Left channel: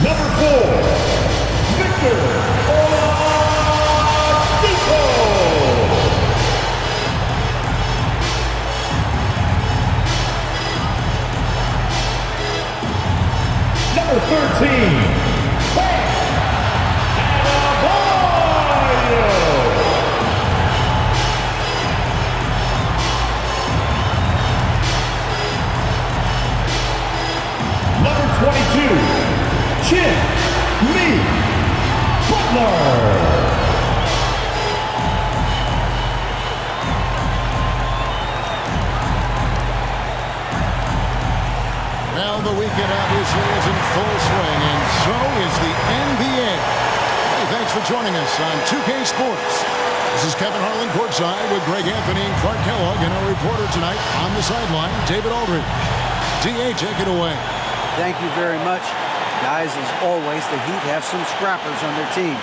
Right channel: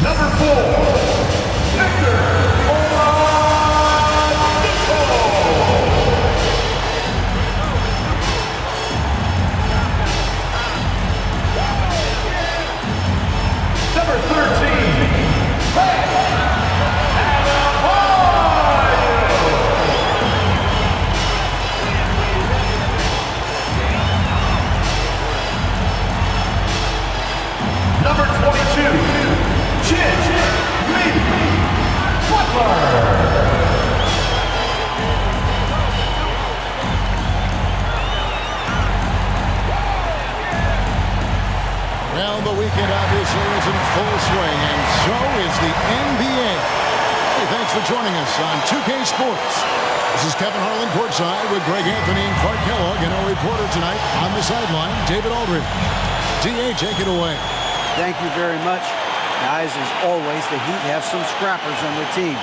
Number 4, Victor Oladipo. Number 13, Bam Adebayo. Number 22, Jimmy Butler. Well, the weekend obviously is in full swing, and so is the NBA. Hey, thanks for joining us on 2K Sports. This is Kevin Harlan courtside with Greg Anthony and Clark Kellogg, and our reporter tonight on the sideline, David Aldridge. D.A., take it away. Thank you very much. Guys, as always, the Heat have some scrappers on their team.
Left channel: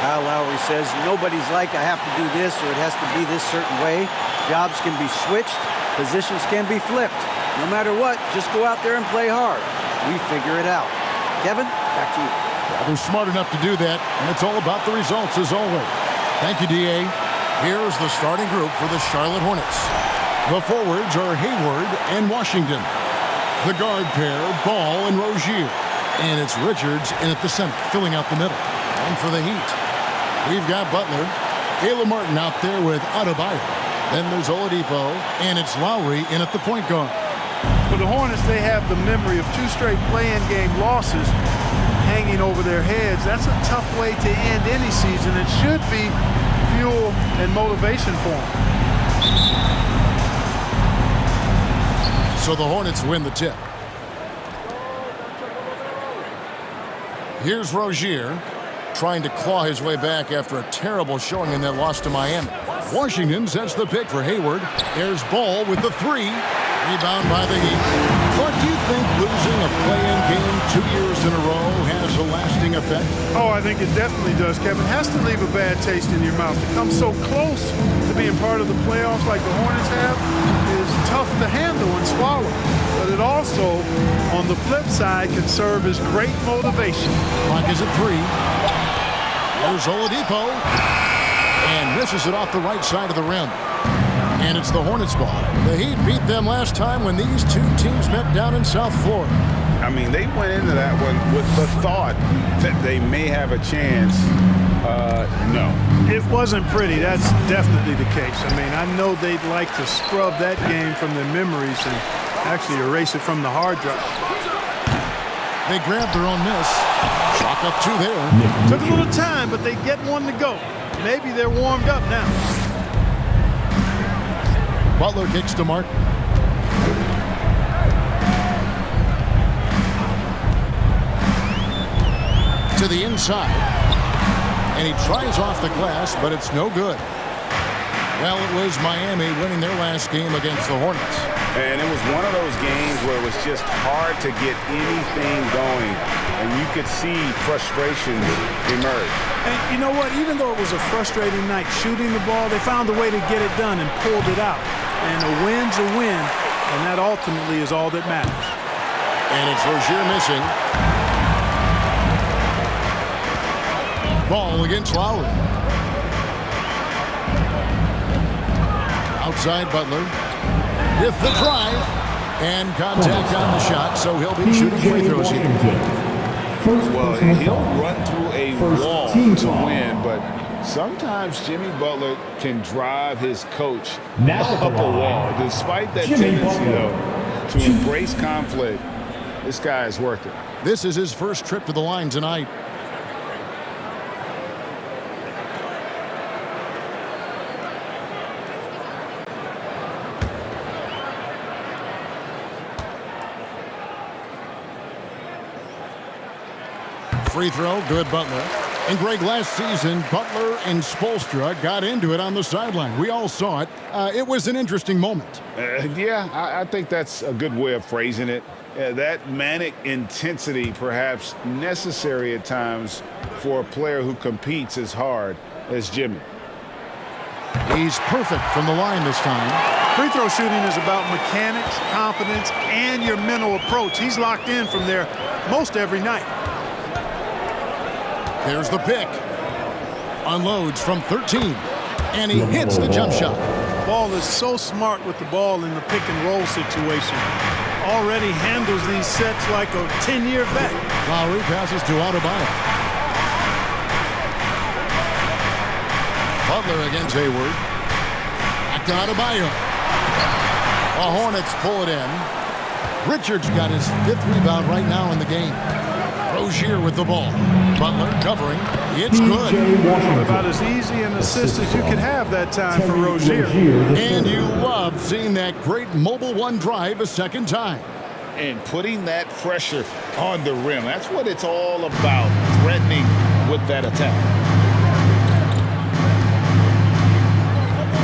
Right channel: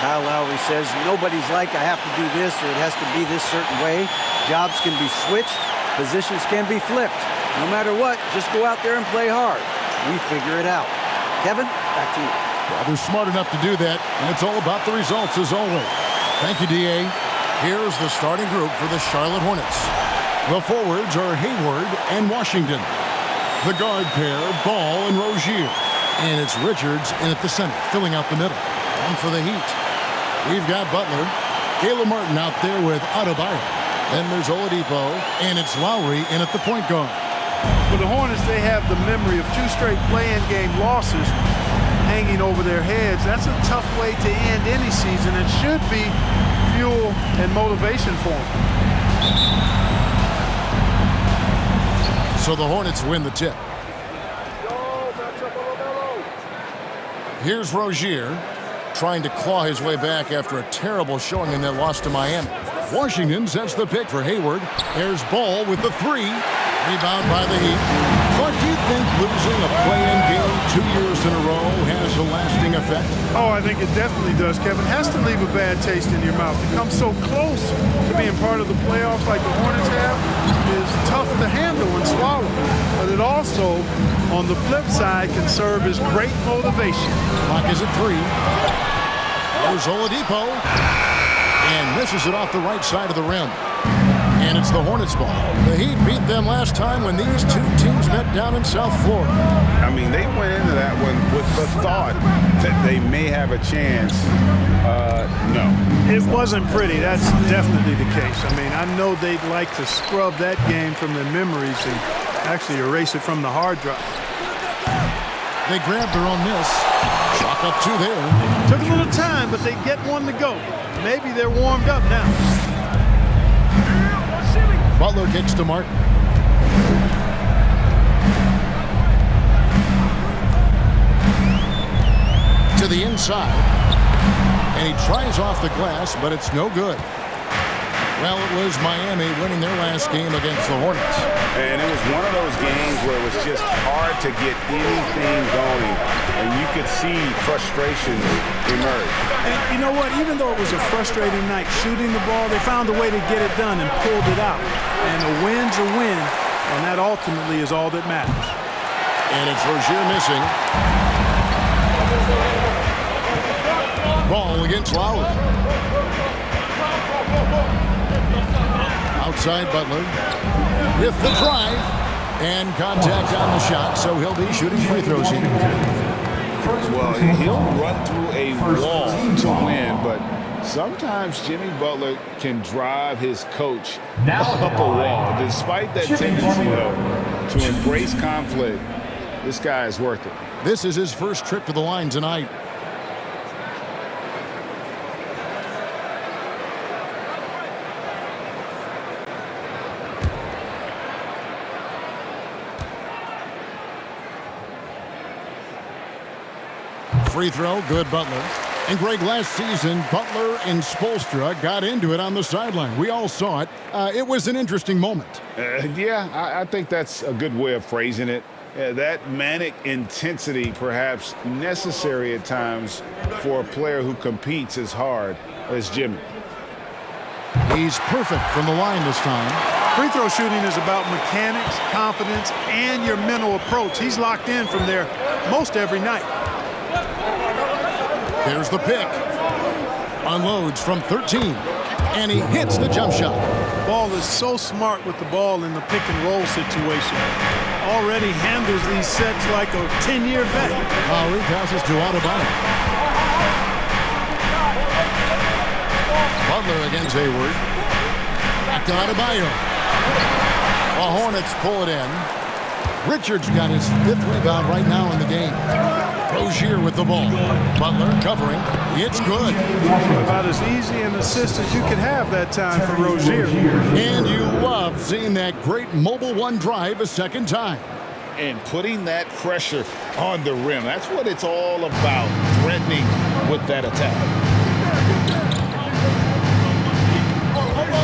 Kyle Lowry says, nobody's like, I have to do this or it has to be this certain way. Jobs can be switched. Positions can be flipped. No matter what, just go out there and play hard. We figure it out. Kevin, back to you. Well, they're smart enough to do that, and it's all about the results as always. Thank you, D.A. Here's the starting group for the Charlotte Hornets. The forwards are Hayward and Washington. The guard pair, Ball and Rozier. And it's Richards in at the center, filling out the middle. And for the Heat, we've got Butler, Caleb Martin out there with Adebayo. Then there's Oladipo, and it's Lowry in at the point guard. For the Hornets, they have the memory of 2 straight play-in game losses hanging over their heads. That's a tough way to end any season. It should be fuel and motivation for them. So the Hornets win the tip. Here's Rozier trying to claw his way back after a terrible showing in that loss to Miami. Washington sets the pick for Hayward. There's Ball with the 3. Rebound by the Heat. Clark, do you think losing a play-in game 2 years in a row has a lasting effect? Oh, I think it definitely does, Kevin. Has to leave a bad taste in your mouth. To come so close to being part of the playoffs like the Hornets have is tough to handle and swallow. But it also, on the flip side, can serve as great motivation. Clock is at 3. There's Oladipo. And misses it off the right side of the rim. And it's the Hornets' ball. The Heat beat them last time when these two teams met down in South Florida. I mean, they went into that one with the thought that they may have a chance. No. It wasn't pretty. That's definitely the case. I mean, I know they'd like to scrub that game from their memories and actually erase it from the hard drive. They grabbed their own miss. Clock up 2 there. Took a little time, but they get one to go. Maybe they're warmed up now. Butler kicks to Martin. To the inside. And he tries off the glass, but it's no good. Well, it was Miami winning their last game against the Hornets. And it was one of those games where it was just hard to get anything going. And you could see frustrations emerge. And you know what? Even though it was a frustrating night shooting the ball, they found a way to get it done and pulled it out. And a win's a win, and that ultimately is all that matters. And it's Rozier missing. Ball against Lowry. Outside Butler with the drive and contact on the shot, so he'll be shooting free throws here. Well, he'll run through a wall to win, but sometimes Jimmy Butler can drive his coach up a wall. Despite that tendency, though, to embrace conflict, this guy is worth it. This is his first trip to the line tonight. Free throw, good Butler. And Greg, last season, Butler and Spoelstra got into it on the sideline. We all saw it. It was an interesting moment. Yeah, I think that's a good way of phrasing it. That manic intensity perhaps necessary at times for a player who competes as hard as Jimmy. He's perfect from the line this time. Free throw shooting is about mechanics, confidence, and your mental approach. He's locked in from there most every night. There's the pick. Unloads from 13. And he hits the jump shot. Ball is so smart with the ball in the pick and roll situation. Already handles these sets like a 10-year vet. Lowry passes to Adebayo. Butler against Hayward. Back to Adebayo. The Hornets pull it in. Richards got his 5th rebound right now in the game. Rozier with the ball. Butler covering. It's good. About as easy an assist as you could have that time for Rozier. And you love seeing that great mobile one drive a second time. And putting that pressure on the rim. That's what it's all about, threatening with that attack.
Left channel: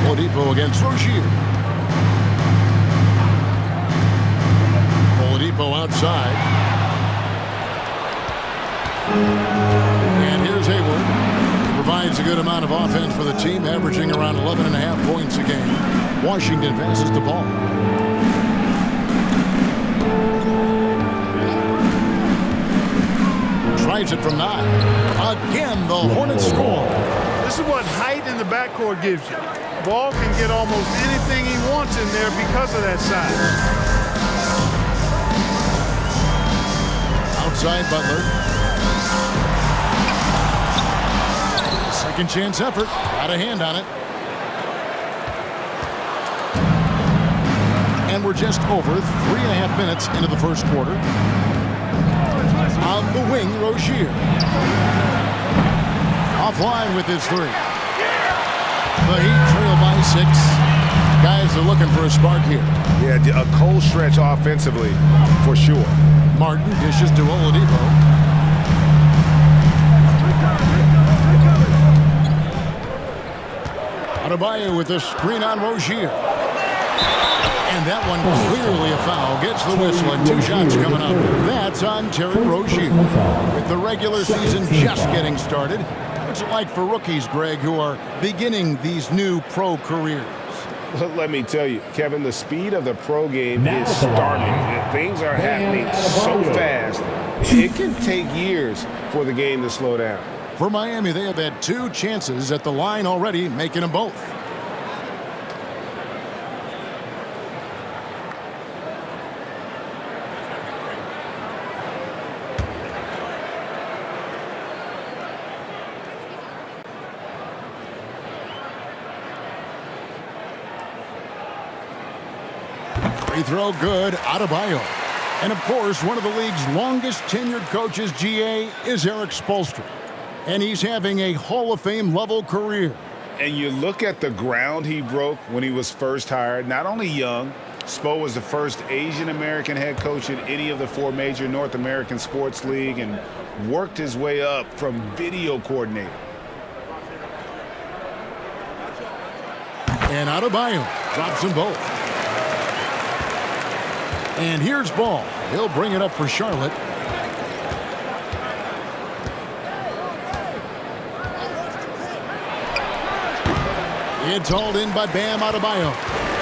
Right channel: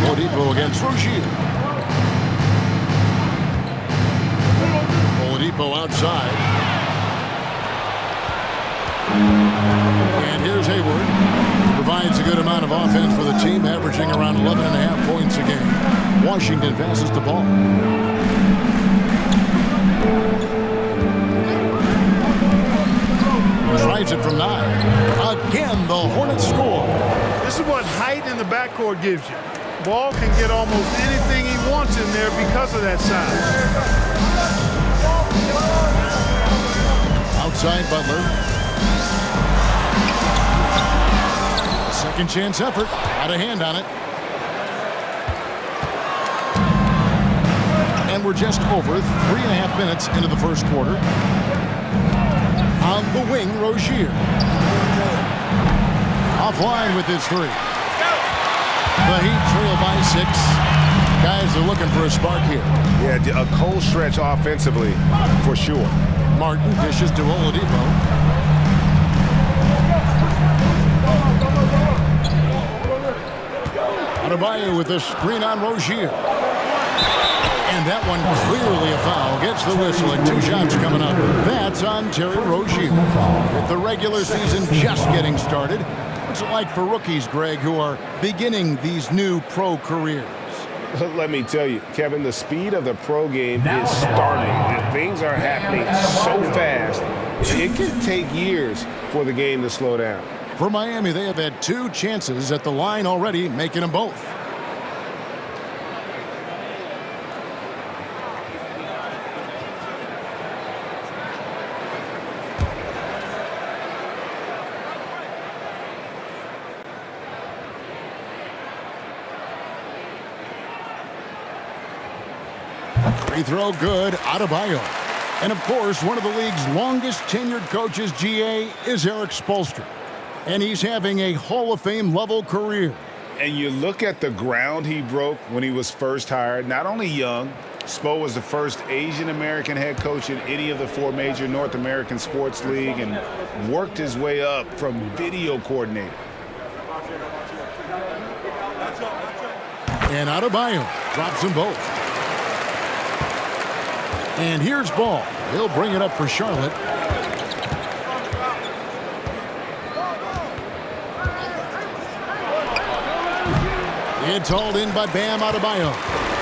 Oladipo against Rozier. Oladipo outside. And here's Hayward. He provides a good amount of offense for the team, averaging around 11.5 points a game. Washington passes the ball. Tries it from 9. Again, the Hornets score. This is what height in the backcourt gives you. Ball can get almost anything he wants in there because of that size. Outside Butler. A second chance effort. Got a hand on it. And we're just over 3.5 minutes into the first quarter. On the wing, Rozier. Offline with his 3. The Heat trail by 6. Guys are looking for a spark here. Yeah, a cold stretch offensively for sure. Martin dishes to Oladipo. Adebayo with a screen on Rozier. And that one clearly a foul. Gets the whistle and 2 shots coming up. That's on Terry Rozier. With the regular season just getting started, what's it like for rookies, Greg, who are beginning these new pro careers? Let me tell you, Kevin, the speed of the pro game is startling. Things are happening so fast, it can take years for the game to slow down. For Miami, they have had 2 chances at the line already, making them both. Free throw good, Adebayo. And of course, one of the league's longest tenured coaches, GA, is Eric Spoelstra. And he's having a Hall of Fame level career. And you look at the ground he broke when he was first hired. Not only young, Spo was the first Asian American head coach in any of the 4 major North American sports league and worked his way up from video coordinator. And Adebayo drops them both. And here's Ball. He'll bring it up for Charlotte. It's hauled in by Bam Adebayo.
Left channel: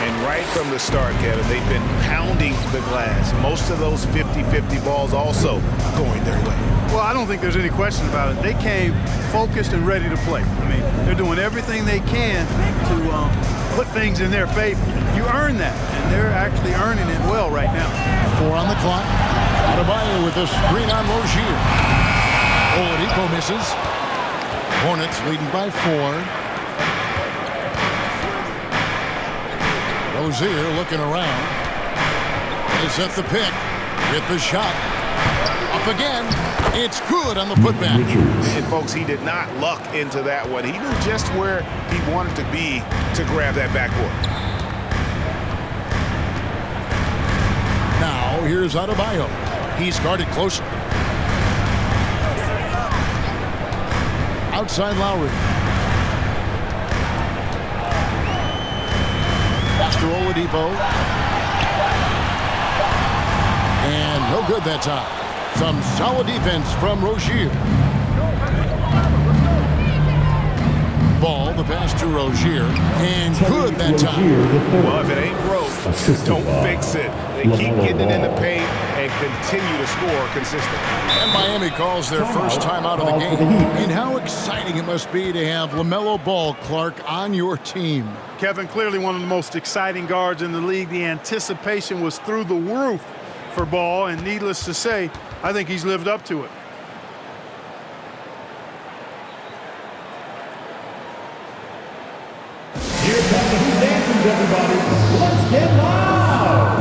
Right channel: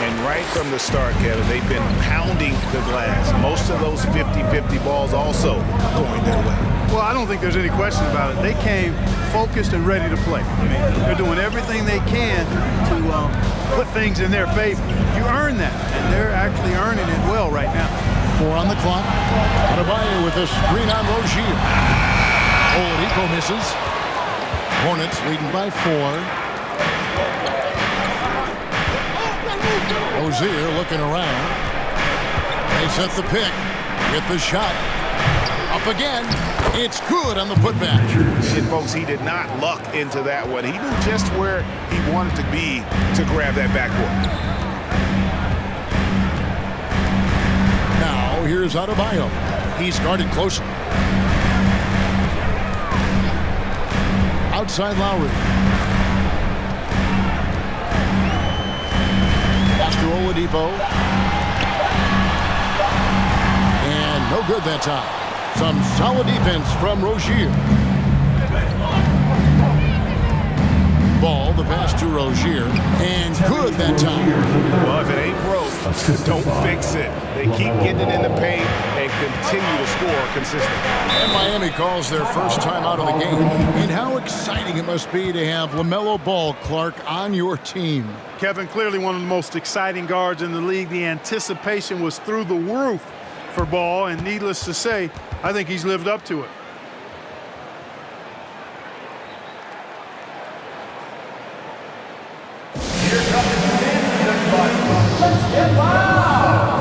And right from the start, Kevin, they've been pounding the glass. Most of those 50-50 balls also going their way. Well, I don't think there's any question about it. They came focused and ready to play. I mean, they're doing everything they can to put things in their favor. You earn that, and they're actually earning it well right now. 4 on the clock. Adebayo with a screen on Rozier. Oladipo misses. Hornets leading by 4. Rozier looking around. They set the pick. Get the shot. Up again. It's good on the putback. And folks, he did not luck into that one. He knew just where he wanted to be to grab that backboard. Now here's Adebayo. He's guarded closely. Outside Lowry. Pass to Oladipo. And no good that time. Some solid defense from Rozier. Ball, the pass to Rozier, and good that time. Well, if it ain't broke, don't fix it. They keep getting it in the paint and continue to score consistently. And Miami calls their first time out of the game. And how exciting it must be to have LaMelo Ball, Clark, on your team. Kevin, clearly one of the most exciting guards in the league. The anticipation was through the roof for Ball, and needless to say, I think he's lived up to it. Here come the new dancers, everybody. Let's get loud.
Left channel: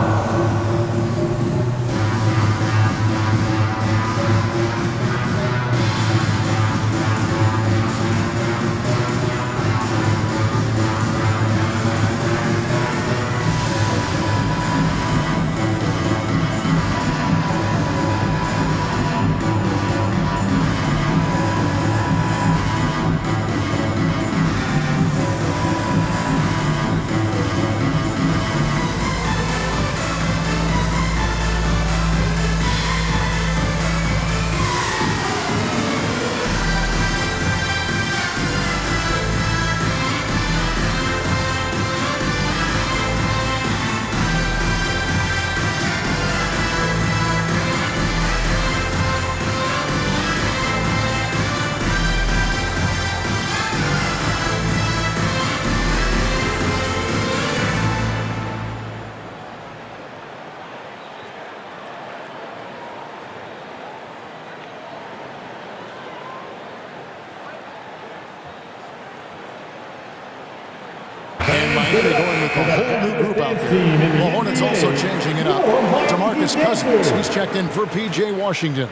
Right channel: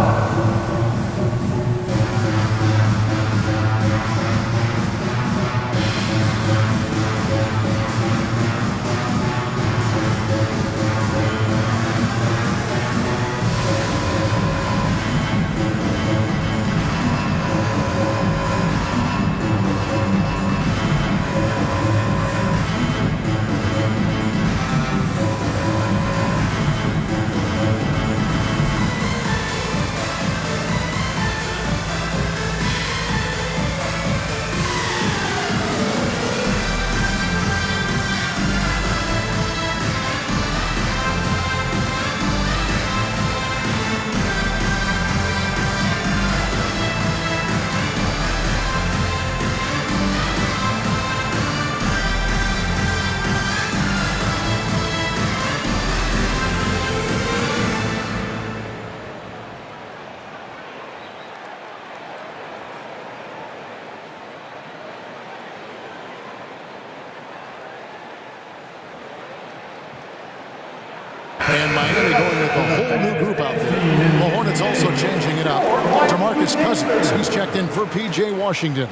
And Miami going with a whole new group out there. The Hornets also changing it up. DeMarcus Cousins, he's checked in for P.J. Washington.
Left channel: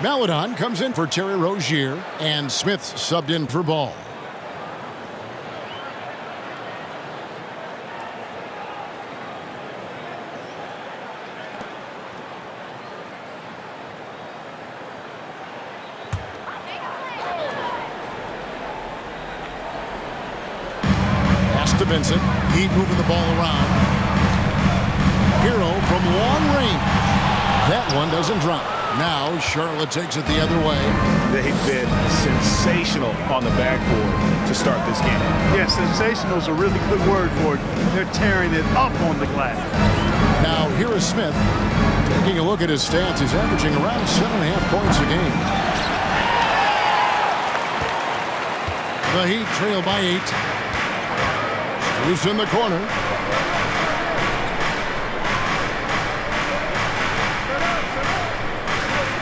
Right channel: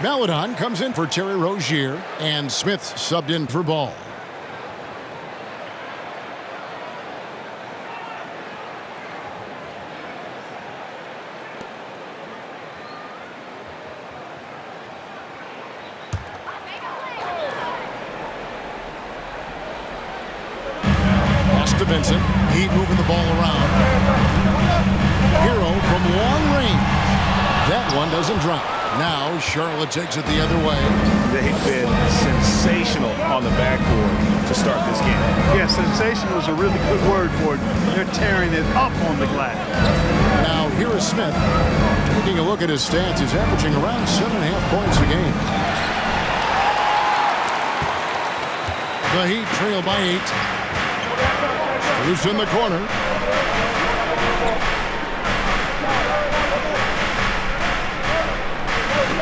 Maladon comes in for Terry Rozier, and Smith subbed in for Ball. To Vincent. Heat moving the ball around. Hero from long range. That one doesn't drop. Now Charlotte takes it the other way. They've been sensational on the backboard to start this game. Yeah, sensational is a really good word for it. They're tearing it up on the glass. Now here is Smith. Taking a look at his stats, he's averaging around 7.5 points a game. The Heat trail by 8. Loose in the corner.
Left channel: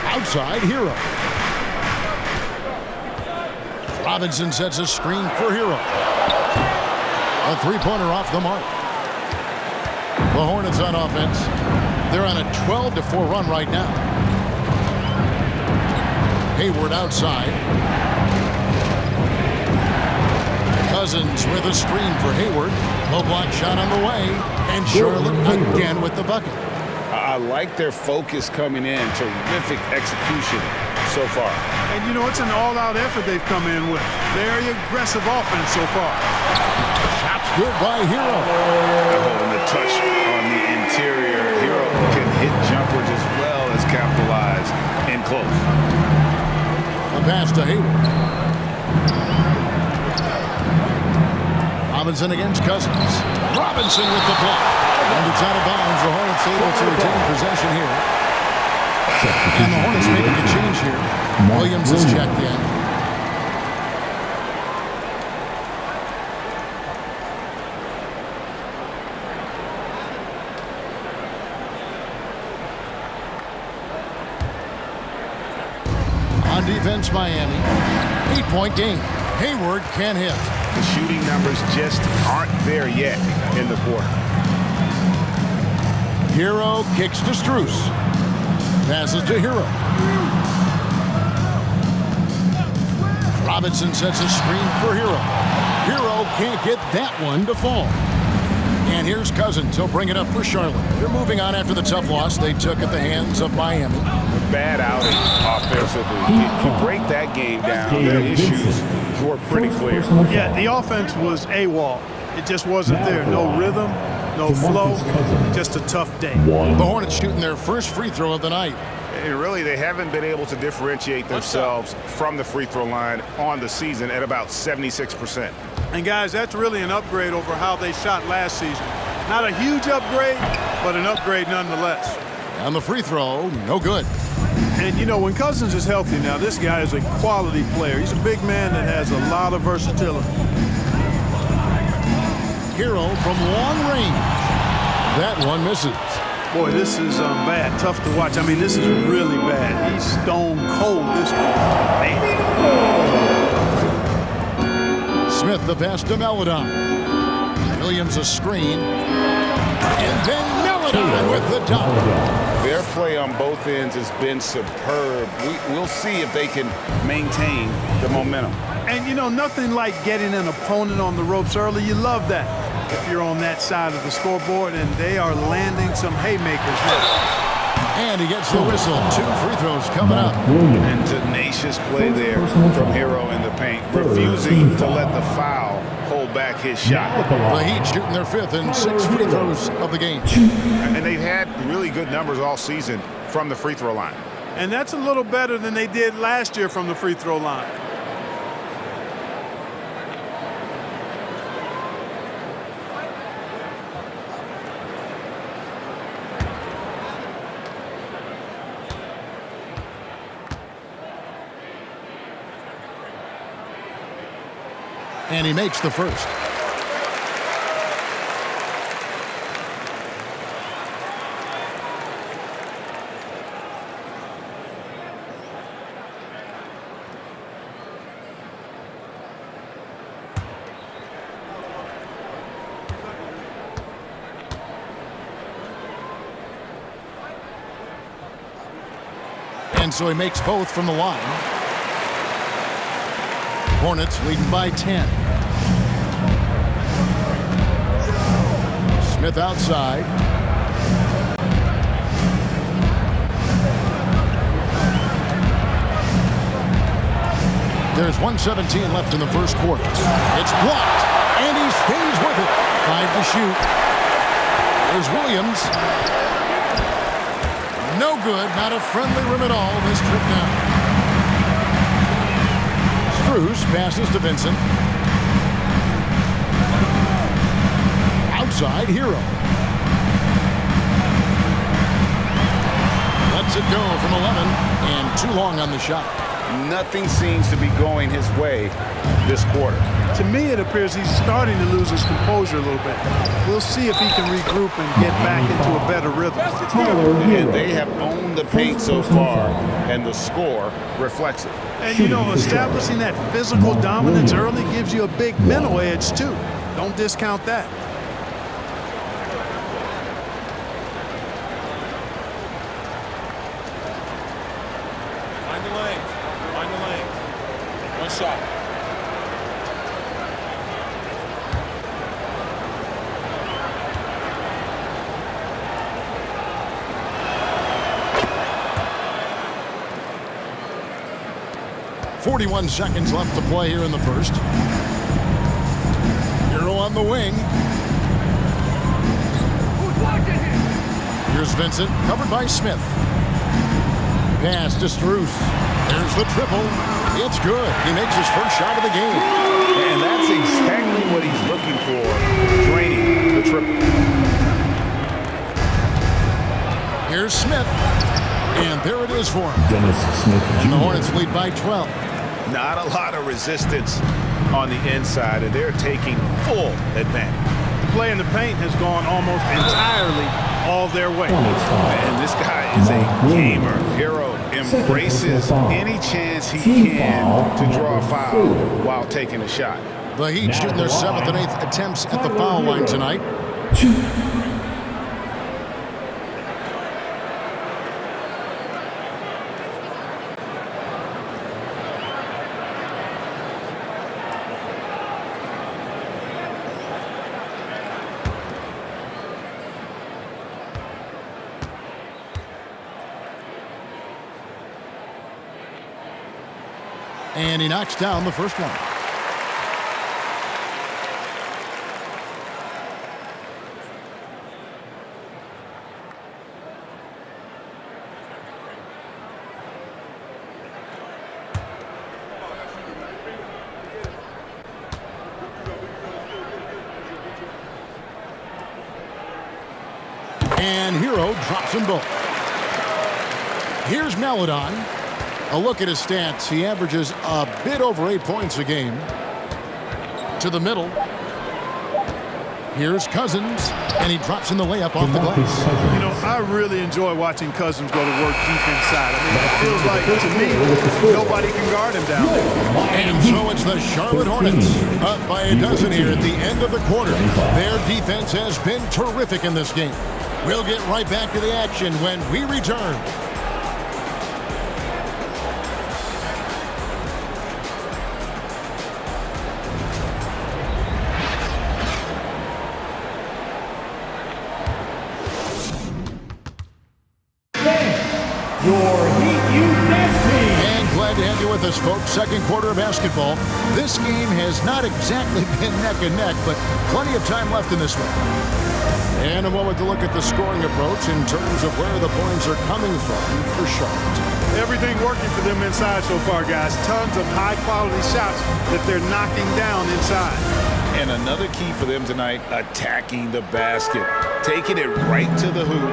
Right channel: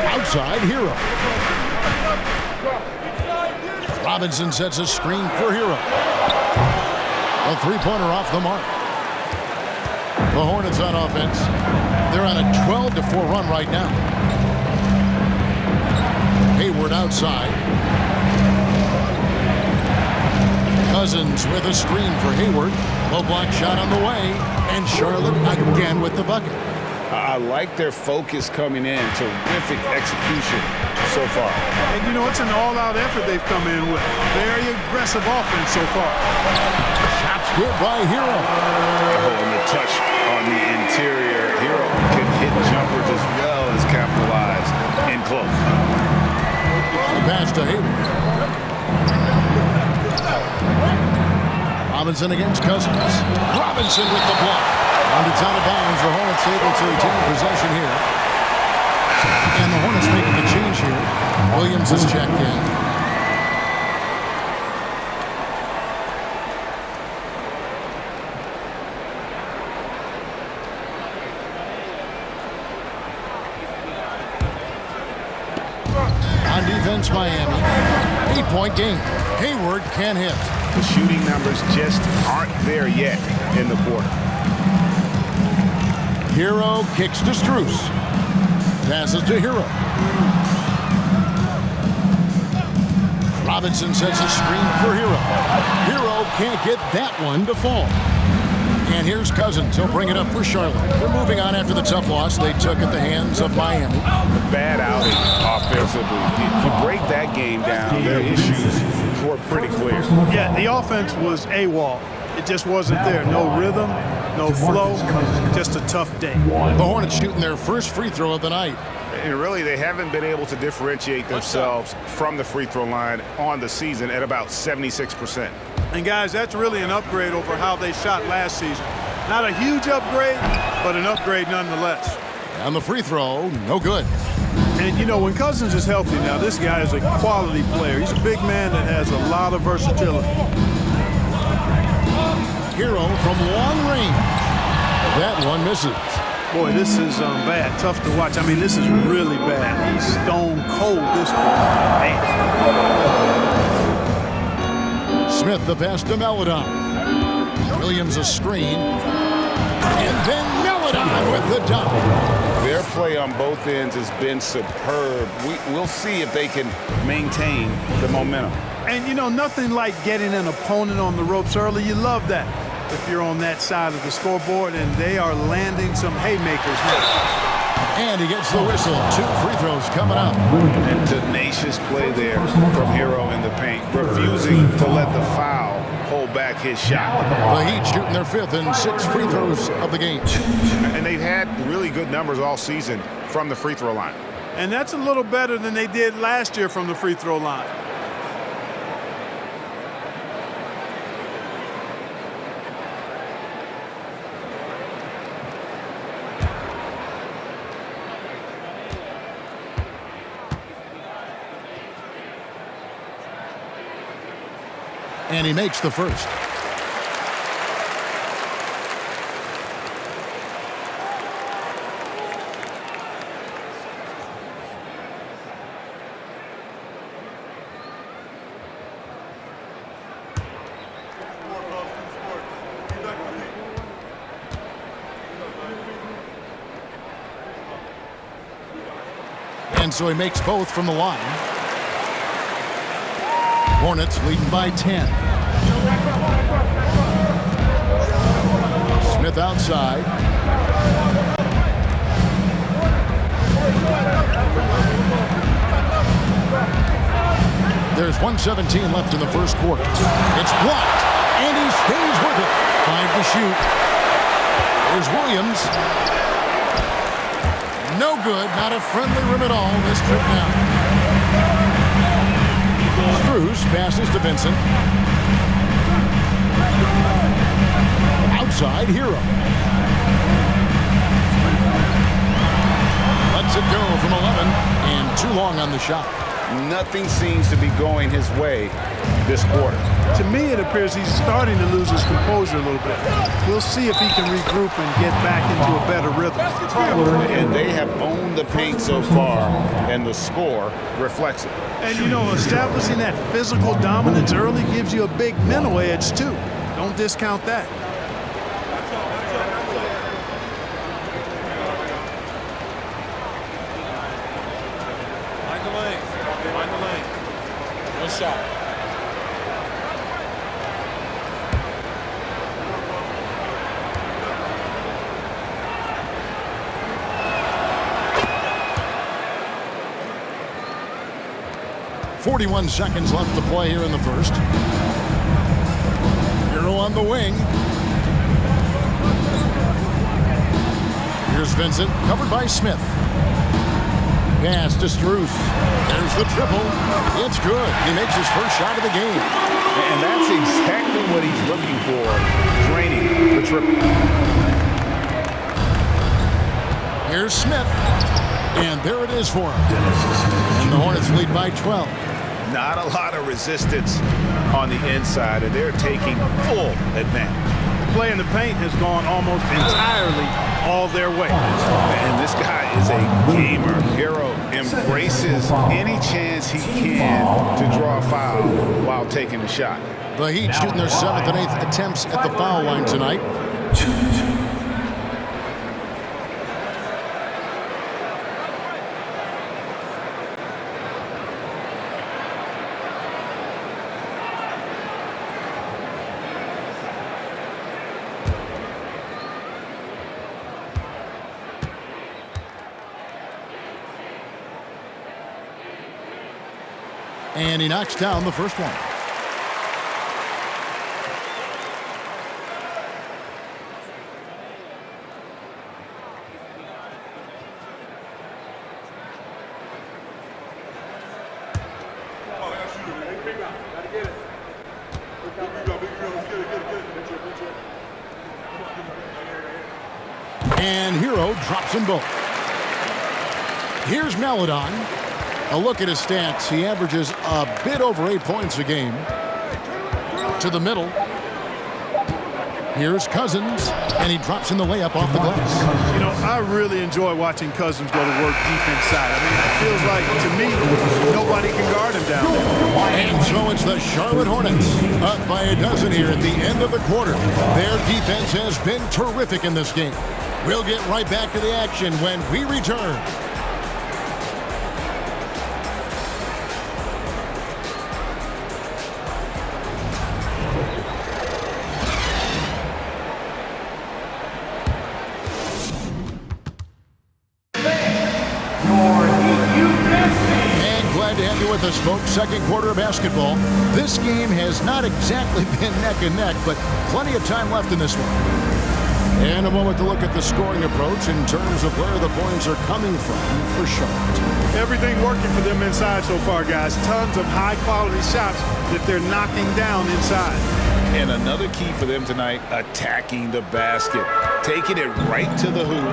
Outside, Hero. Robinson sets a screen for Hero. A three-pointer off the mark. The Hornets on offense. They're on a 12-4 run right now. Hayward outside. Cousins with a screen for Hayward. Low block shot on the way. And Charlotte again with the bucket. I like their focus coming in. Terrific execution so far. And, you know, it's an all-out effort they've come in with. Very aggressive offense so far. Shots good by Hero. Oh, and the touch on the interior. Hero can hit jumpers as well as capitalize in close. A pass to Hayward. Robinson against Cousins. Robinson with the block. And it's out of bounds. The Hornets able to retain possession here. And the Hornets making a change here. Williams is checked in. On defense, Miami. 8-point game. Hayward can't hit. The shooting numbers just aren't there yet in the quarter. Hero kicks to Strus. Passes to Hero. Robinson sets a screen for Hero. Hero can't get that one to fall. And here's Cousins. He'll bring it up for Charlotte. They're moving on after the tough loss they took at the hands of Miami. A bad outing offensively. If you break that game down, their issues were pretty clear. Yeah, the offense was AWOL. It just wasn't there. No rhythm, no flow, just a tough day. The Hornets shooting their first free throw of the night. And really, they haven't been able to differentiate themselves from the free throw line on the season at about 76%. And guys, that's really an upgrade over how they shot last season. Not a huge upgrade, but an upgrade nonetheless. And the free throw, no good. And you know, when Cousins is healthy now, this guy is a quality player. He's a big man that has a lot of versatility. Hero from long range. That one misses. Boy, this is bad. Tough to watch. I mean, this is really bad. He's stone cold this one. Man. Smith the pass to Meladon. Williams a screen. And then Meladon with the dunk. Their play on both ends has been superb. We'll see if they can maintain the momentum. And, you know, nothing like getting an opponent on the ropes early. You love that if you're on that side of the scoreboard, and they are landing some haymakers now. And he gets the whistle. 2 free throws coming up. And tenacious play there from Hero in the paint, refusing to let the foul hold back his shot. The Heat shooting their 5th and 6 free throws of the game. And they've had really good numbers all season from the free throw line. And that's a little better than they did last year from the free throw line. And he makes the first. And so he makes both from the line. Hornets leading by 10. Smith outside. There's 1:17 left in the first quarter. It's blocked, and he stays with it. 5 to shoot. There's Williams. No good. Not a friendly rim at all this trip now. Strus passes to Vincent. Outside, Hero. Lets it go from 11, and too long on the shot. Nothing seems to be going his way this quarter. To me, it appears he's starting to lose his composure a little bit. We'll see if he can regroup and get back into a better rhythm. And they have owned the paint so far, and the score reflects it. And, you know, establishing that physical dominance early gives you a big mental edge, too. Don't discount that. Mind the lanes. Mind the lanes. One shot. .41 seconds left to play here in the first. Hero on the wing. Here's Vincent, covered by Smith. Pass to Strus. There's the triple. It's good. He makes his first shot of the game. And that's exactly what he's looking for, draining the triple. Here's Smith. And there it is for him. And the Hornets lead by 12. Not a lot of resistance on the inside, and they're taking full advantage. The play in the paint has gone almost entirely all their way. And this guy is a gamer. Hero embraces any chance he can to draw a foul while taking a shot. The Heat shooting their 7th and 8th attempts at the foul line tonight. And he knocks down the first one. And Hero drops them both. Here's Maladon. A look at his stats. He averages a bit over 8 points a game. To the middle. Here's Cousins, and he drops in the layup off the glass. You know, I really enjoy watching Cousins go to work deep inside. I mean, it feels like, to me, nobody can guard him down there. And so it's the Charlotte Hornets up by a dozen here at the end of the quarter. Their defense has been terrific in this game. We'll get right back to the action when we return. Your Heat U Dance Team. And glad to have you with us, folks. Second quarter of basketball. This game has not exactly been neck and neck, but plenty of time left in this one. And a moment to look at the scoring approach in terms of where the points are coming from for Charlotte. Everything working for them inside so far, guys. Tons of high-quality shots that they're knocking down inside. And another key for them tonight, attacking the basket. Taking it right to the hoop,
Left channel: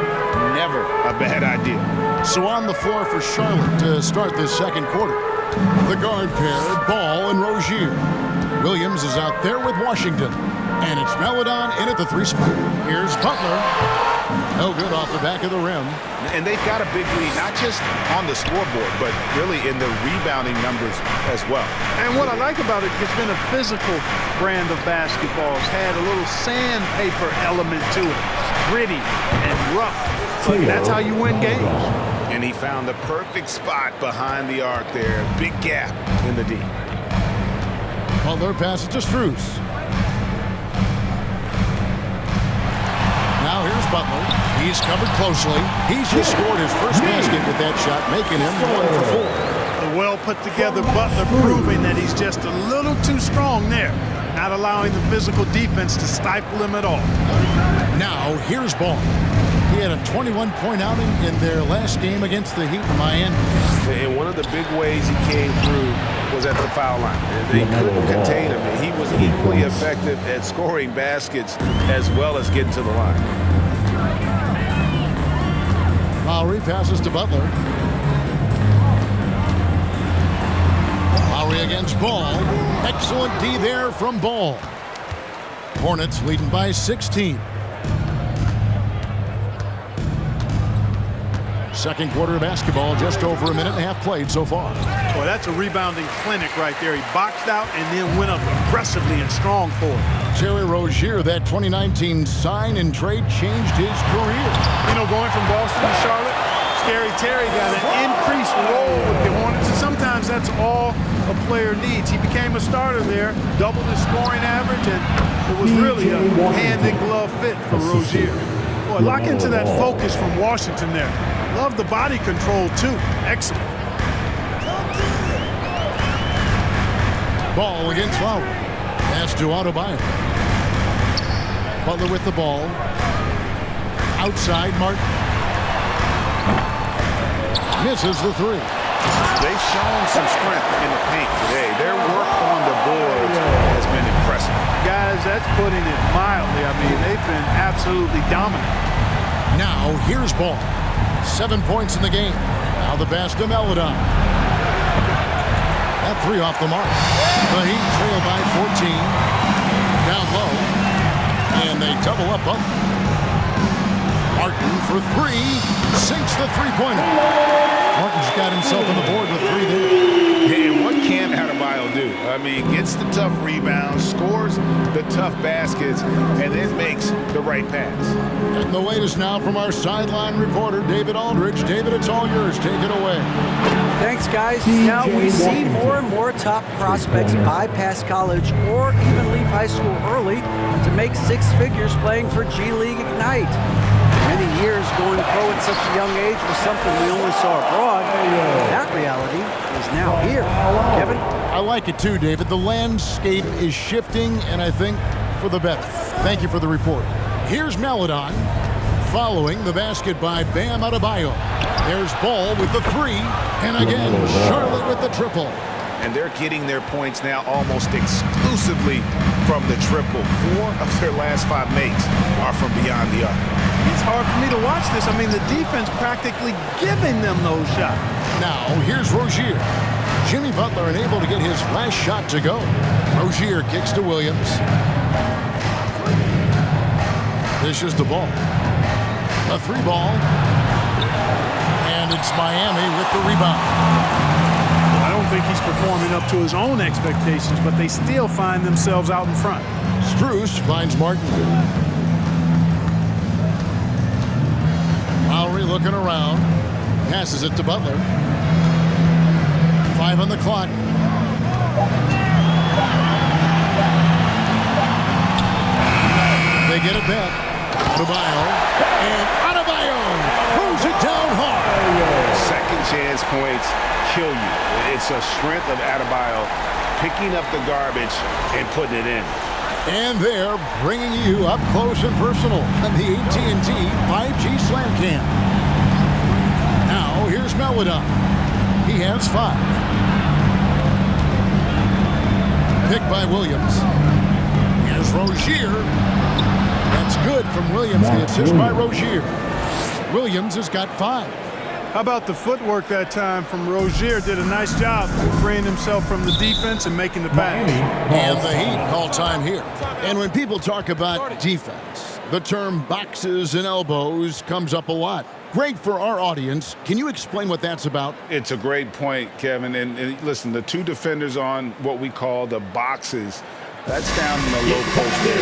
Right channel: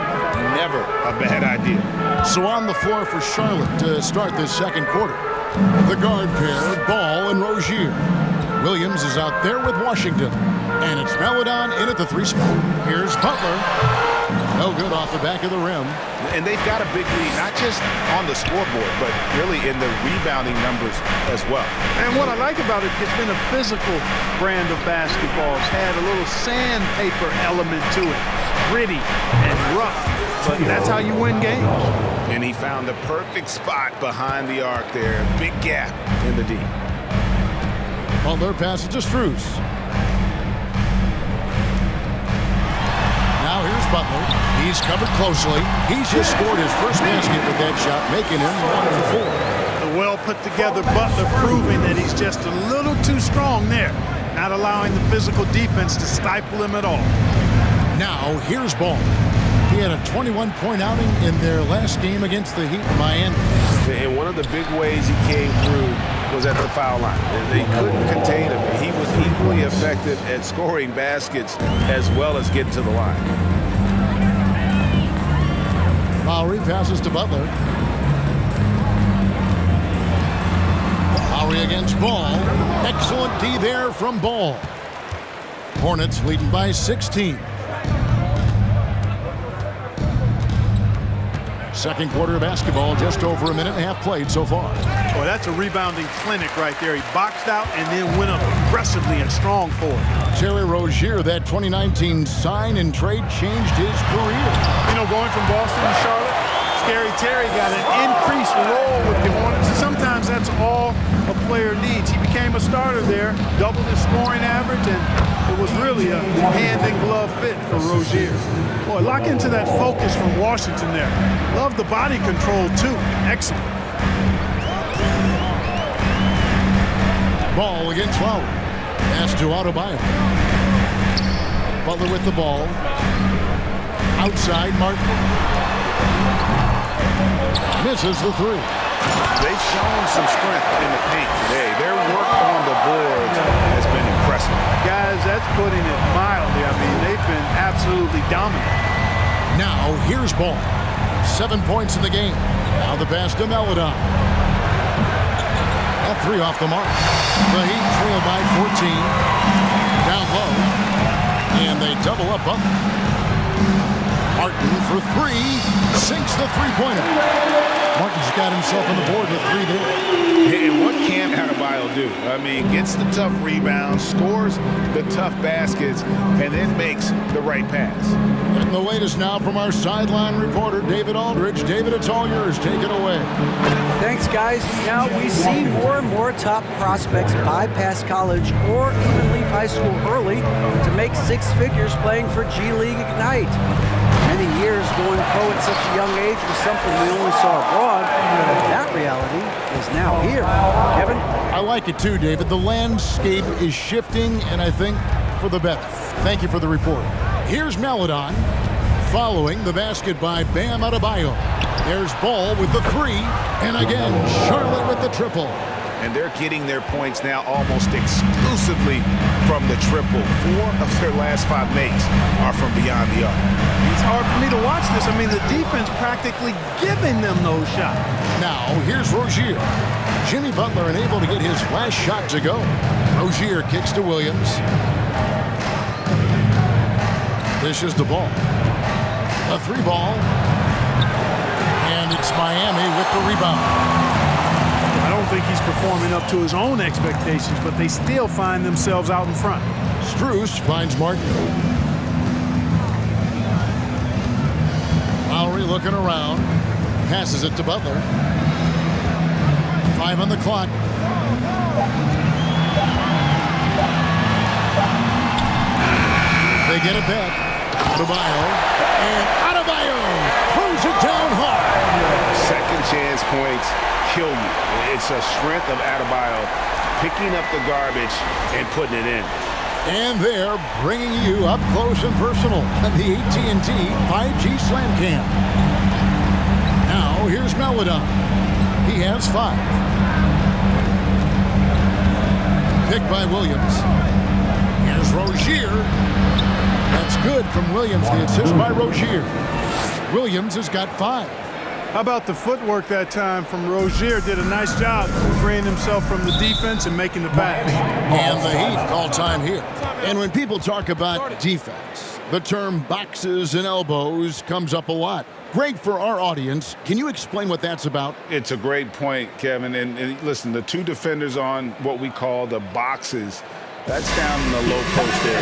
never a bad idea. So on the floor for Charlotte to start this second quarter. The guard pair, Ball and Rozier. Williams is out there with Washington. And it's Maladon in at the 3 spot. Here's Butler. No good off the back of the rim. And they've got a big lead, not just on the scoreboard, but really in the rebounding numbers as well. And what I like about it, it's been a physical brand of basketball. It's had a little sandpaper element to it. Gritty and rough, but that's how you win games. And he found the perfect spot behind the arc there. Big gap in the D. Butler passes to Strus. Now here's Butler. He's covered closely. He's just scored his first basket with that shot, making him 1 for 4. The well-put-together Butler proving that he's just a little too strong there, not allowing the physical defense to stifle him at all. Now here's Ball. He had a 21-point outing in their last game against the Heat in Miami. And one of the big ways he came through was at the foul line. They couldn't contain him. He was equally effective at scoring baskets as well as getting to the line. Lowry passes to Butler. Lowry against Ball. Excellent D there from Ball. Hornets leading by 16. Second quarter of basketball, just over a minute and a half played so far. Boy, that's a rebounding clinic right there. He boxed out and then went up aggressively and strong for it. Terry Rozier, that 2019 sign and trade changed his career. You know, going from Boston to Charlotte, Scary Terry got an increased role with the Hornets, and sometimes that's all a player needs. He became a starter there, doubled his scoring average, and it was really a hand-in-glove fit for Rozier. Boy, lock into that focus from Washington there. Love the body control, too. Excellent. Ball against Lowry. Pass to Adebayo. Butler with the ball. Outside, Martin. Misses the 3. They've shown some strength in the paint today. Their work on the boards has been impressive. Guys, that's putting it mildly. I mean, they've been absolutely dominant. Now, here's Ball. 7 points in the game. Now the pass to Maladon. That 3 off the mark. The Heat trail by 14. Down low. And they double up Butler. Martin for 3. Sinks the three-pointer. Martin's got himself on the board with 3 there. And what can Adebayo do? I mean, gets the tough rebounds, scores the tough baskets, and then makes the right pass. Getting the latest now from our sideline reporter, David Aldridge. David, it's all yours. Take it away. Thanks, guys. Now we see more and more top prospects bypass college or even leave high school early to make 6 figures playing for G League Ignite. Many years going pro at such a young age was something we only saw abroad. That reality is now here. Kevin? I like it too, David. The landscape is shifting, and I think for the better. Thank you for the report. Here's Maladon following the basket by Bam Adebayo. There's Ball with the three, and again, Charlotte with the triple. And they're getting their points now almost exclusively from the triple. 4 of their last 5 makes are from beyond the arc. It's hard for me to watch this. I mean, the defense practically giving them those shots. Now, here's Rozier. Jimmy Butler unable to get his last shot to go. Rozier kicks to Williams. This is the Ball. The 3 ball. And it's Miami with the rebound. Well, I don't think he's performing up to his own expectations, but they still find themselves out in front. Strus finds Martin. Lowry looking around. Passes it to Butler. 5 on the clock. They get it back. Adebayo. And Adebayo throws it down hard. Second chance points kill you. It's a strength of Adebayo picking up the garbage and putting it in. And they're bringing you up close and personal on the AT&T 5G Slam Cam. Now here's Maladon. He has 5. Picked by Williams. Here's Rozier. That's good from Williams. The assist by Rozier. Williams has got 5. How about the footwork that time from Rozier? Did a nice job freeing himself from the defense and making the pass. And the Heat call time here. And when people talk about defense, the term boxes and elbows comes up a lot. Greg, for our audience, can you explain what that's about? It's a great point, Kevin. And listen, the 2 defenders on what we call the boxes, that's down in the low post there.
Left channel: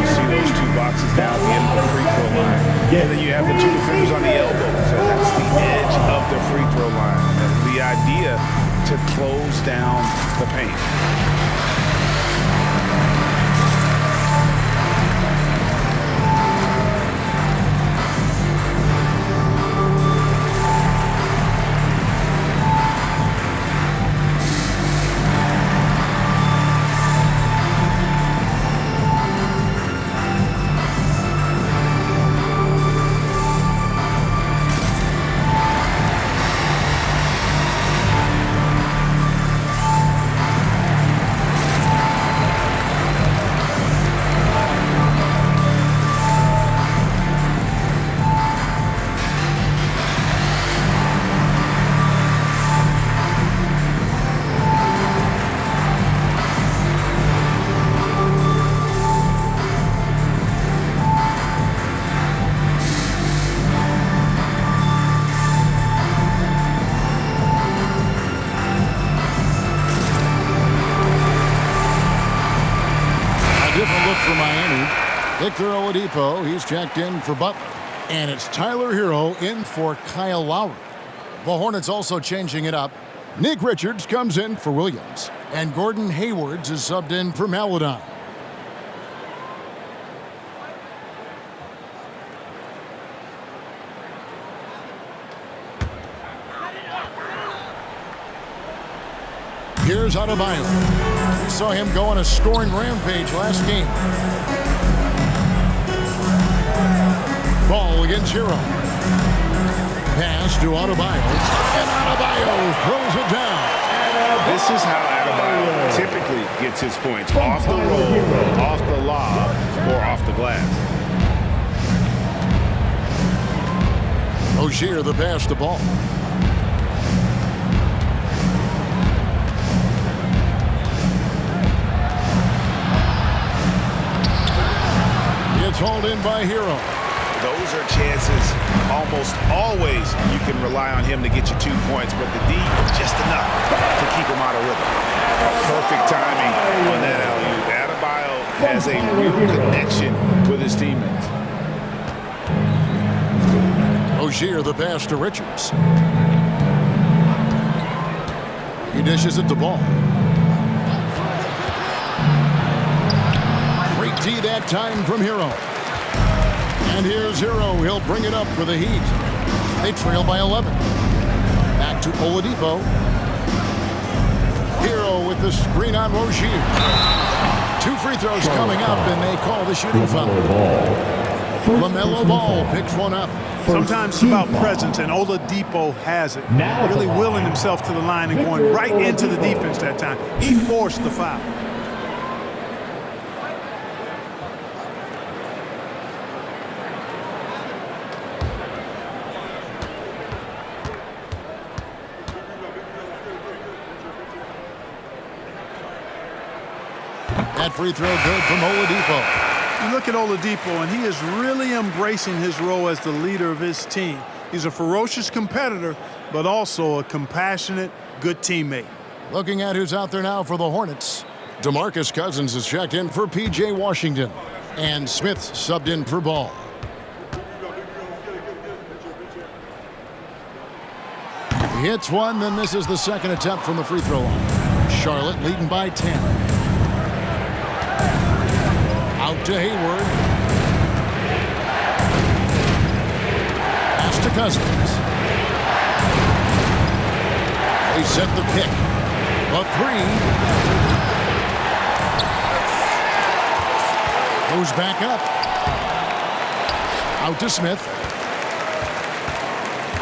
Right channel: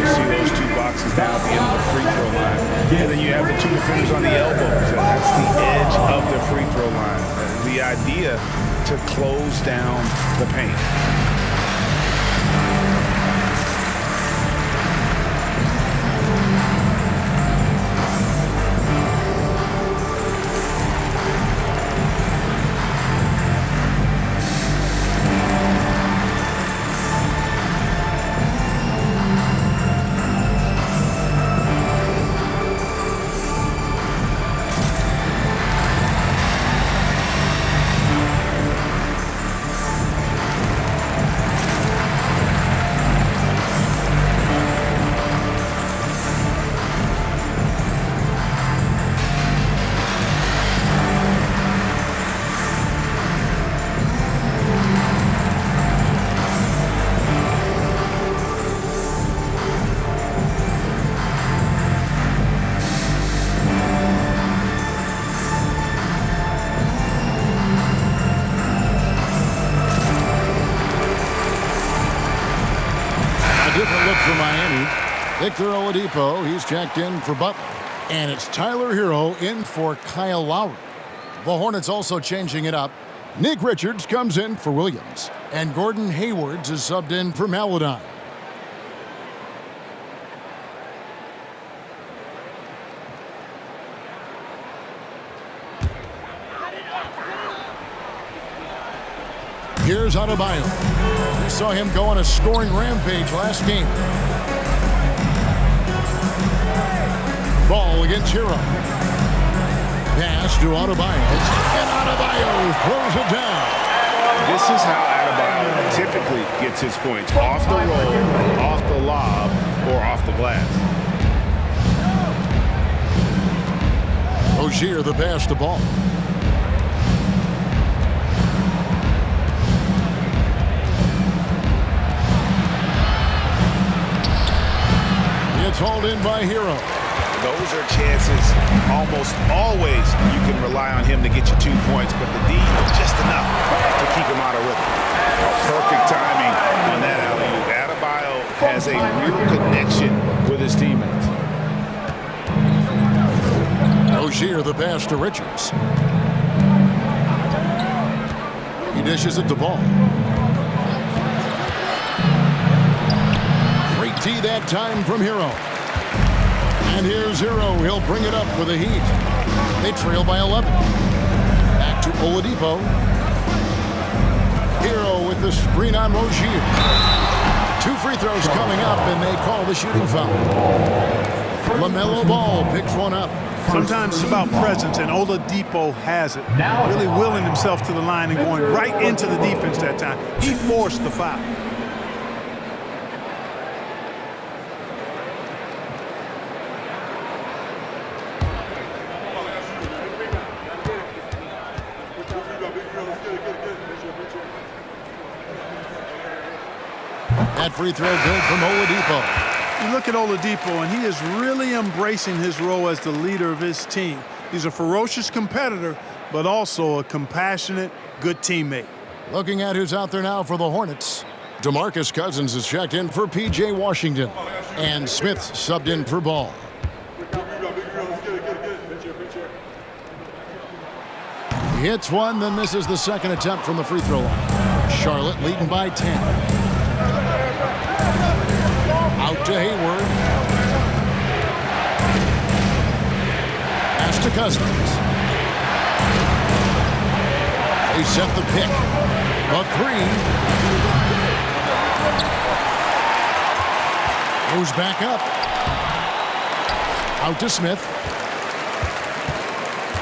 You see those 2 boxes down at the end of the free throw line. And then you have the 2 defenders on the elbows. So that's the edge of the free throw line. The idea to close down the paint. Different look for Miami. Victor Oladipo, he's checked in for Butler. And it's Tyler Hero in for Kyle Lowry. The Hornets also changing it up. Nick Richards comes in for Williams. And Gordon Hayward is subbed in for Maladon. Here's Adebayo. We saw him go on a scoring rampage last game. Ball against Hero. Pass to Adebayo. And Adebayo throws it down. This is how Adebayo typically gets his points. Off the roll, off the lob, or off the glass. Rozier the pass to Ball. It's hauled in by Hero. Those are chances almost always you can rely on him to get you 2 points, but the D just enough to keep him out of rhythm. Perfect timing on that alley-oop. Adebayo has a real connection with his teammates. Rozier the pass to Richards. He dishes it to Ball. Great D that time from Hero. And here's Hero. He'll bring it up for the Heat. They trail by 11. Back to Oladipo. Hero with the screen on Rozier. 2 free throws coming up, and they call the shooting foul. LaMelo Ball picks one up. Sometimes it's about presence, and Oladipo has it. Really willing himself to the line and going right into the defense that time. He forced the foul. That free throw good from Oladipo. You look at Oladipo, and he is really embracing his role as the leader of his team. He's a ferocious competitor, but also a compassionate, good teammate. Looking at who's out there now for the Hornets. DeMarcus Cousins is checked in for P.J. Washington. And Smith subbed in for Ball. He hits one, then misses the second attempt from the free throw line. Charlotte leading by 10. Out to Hayward. Pass to Cousins. They set the pick. The 3. Goes back up. Out to Smith.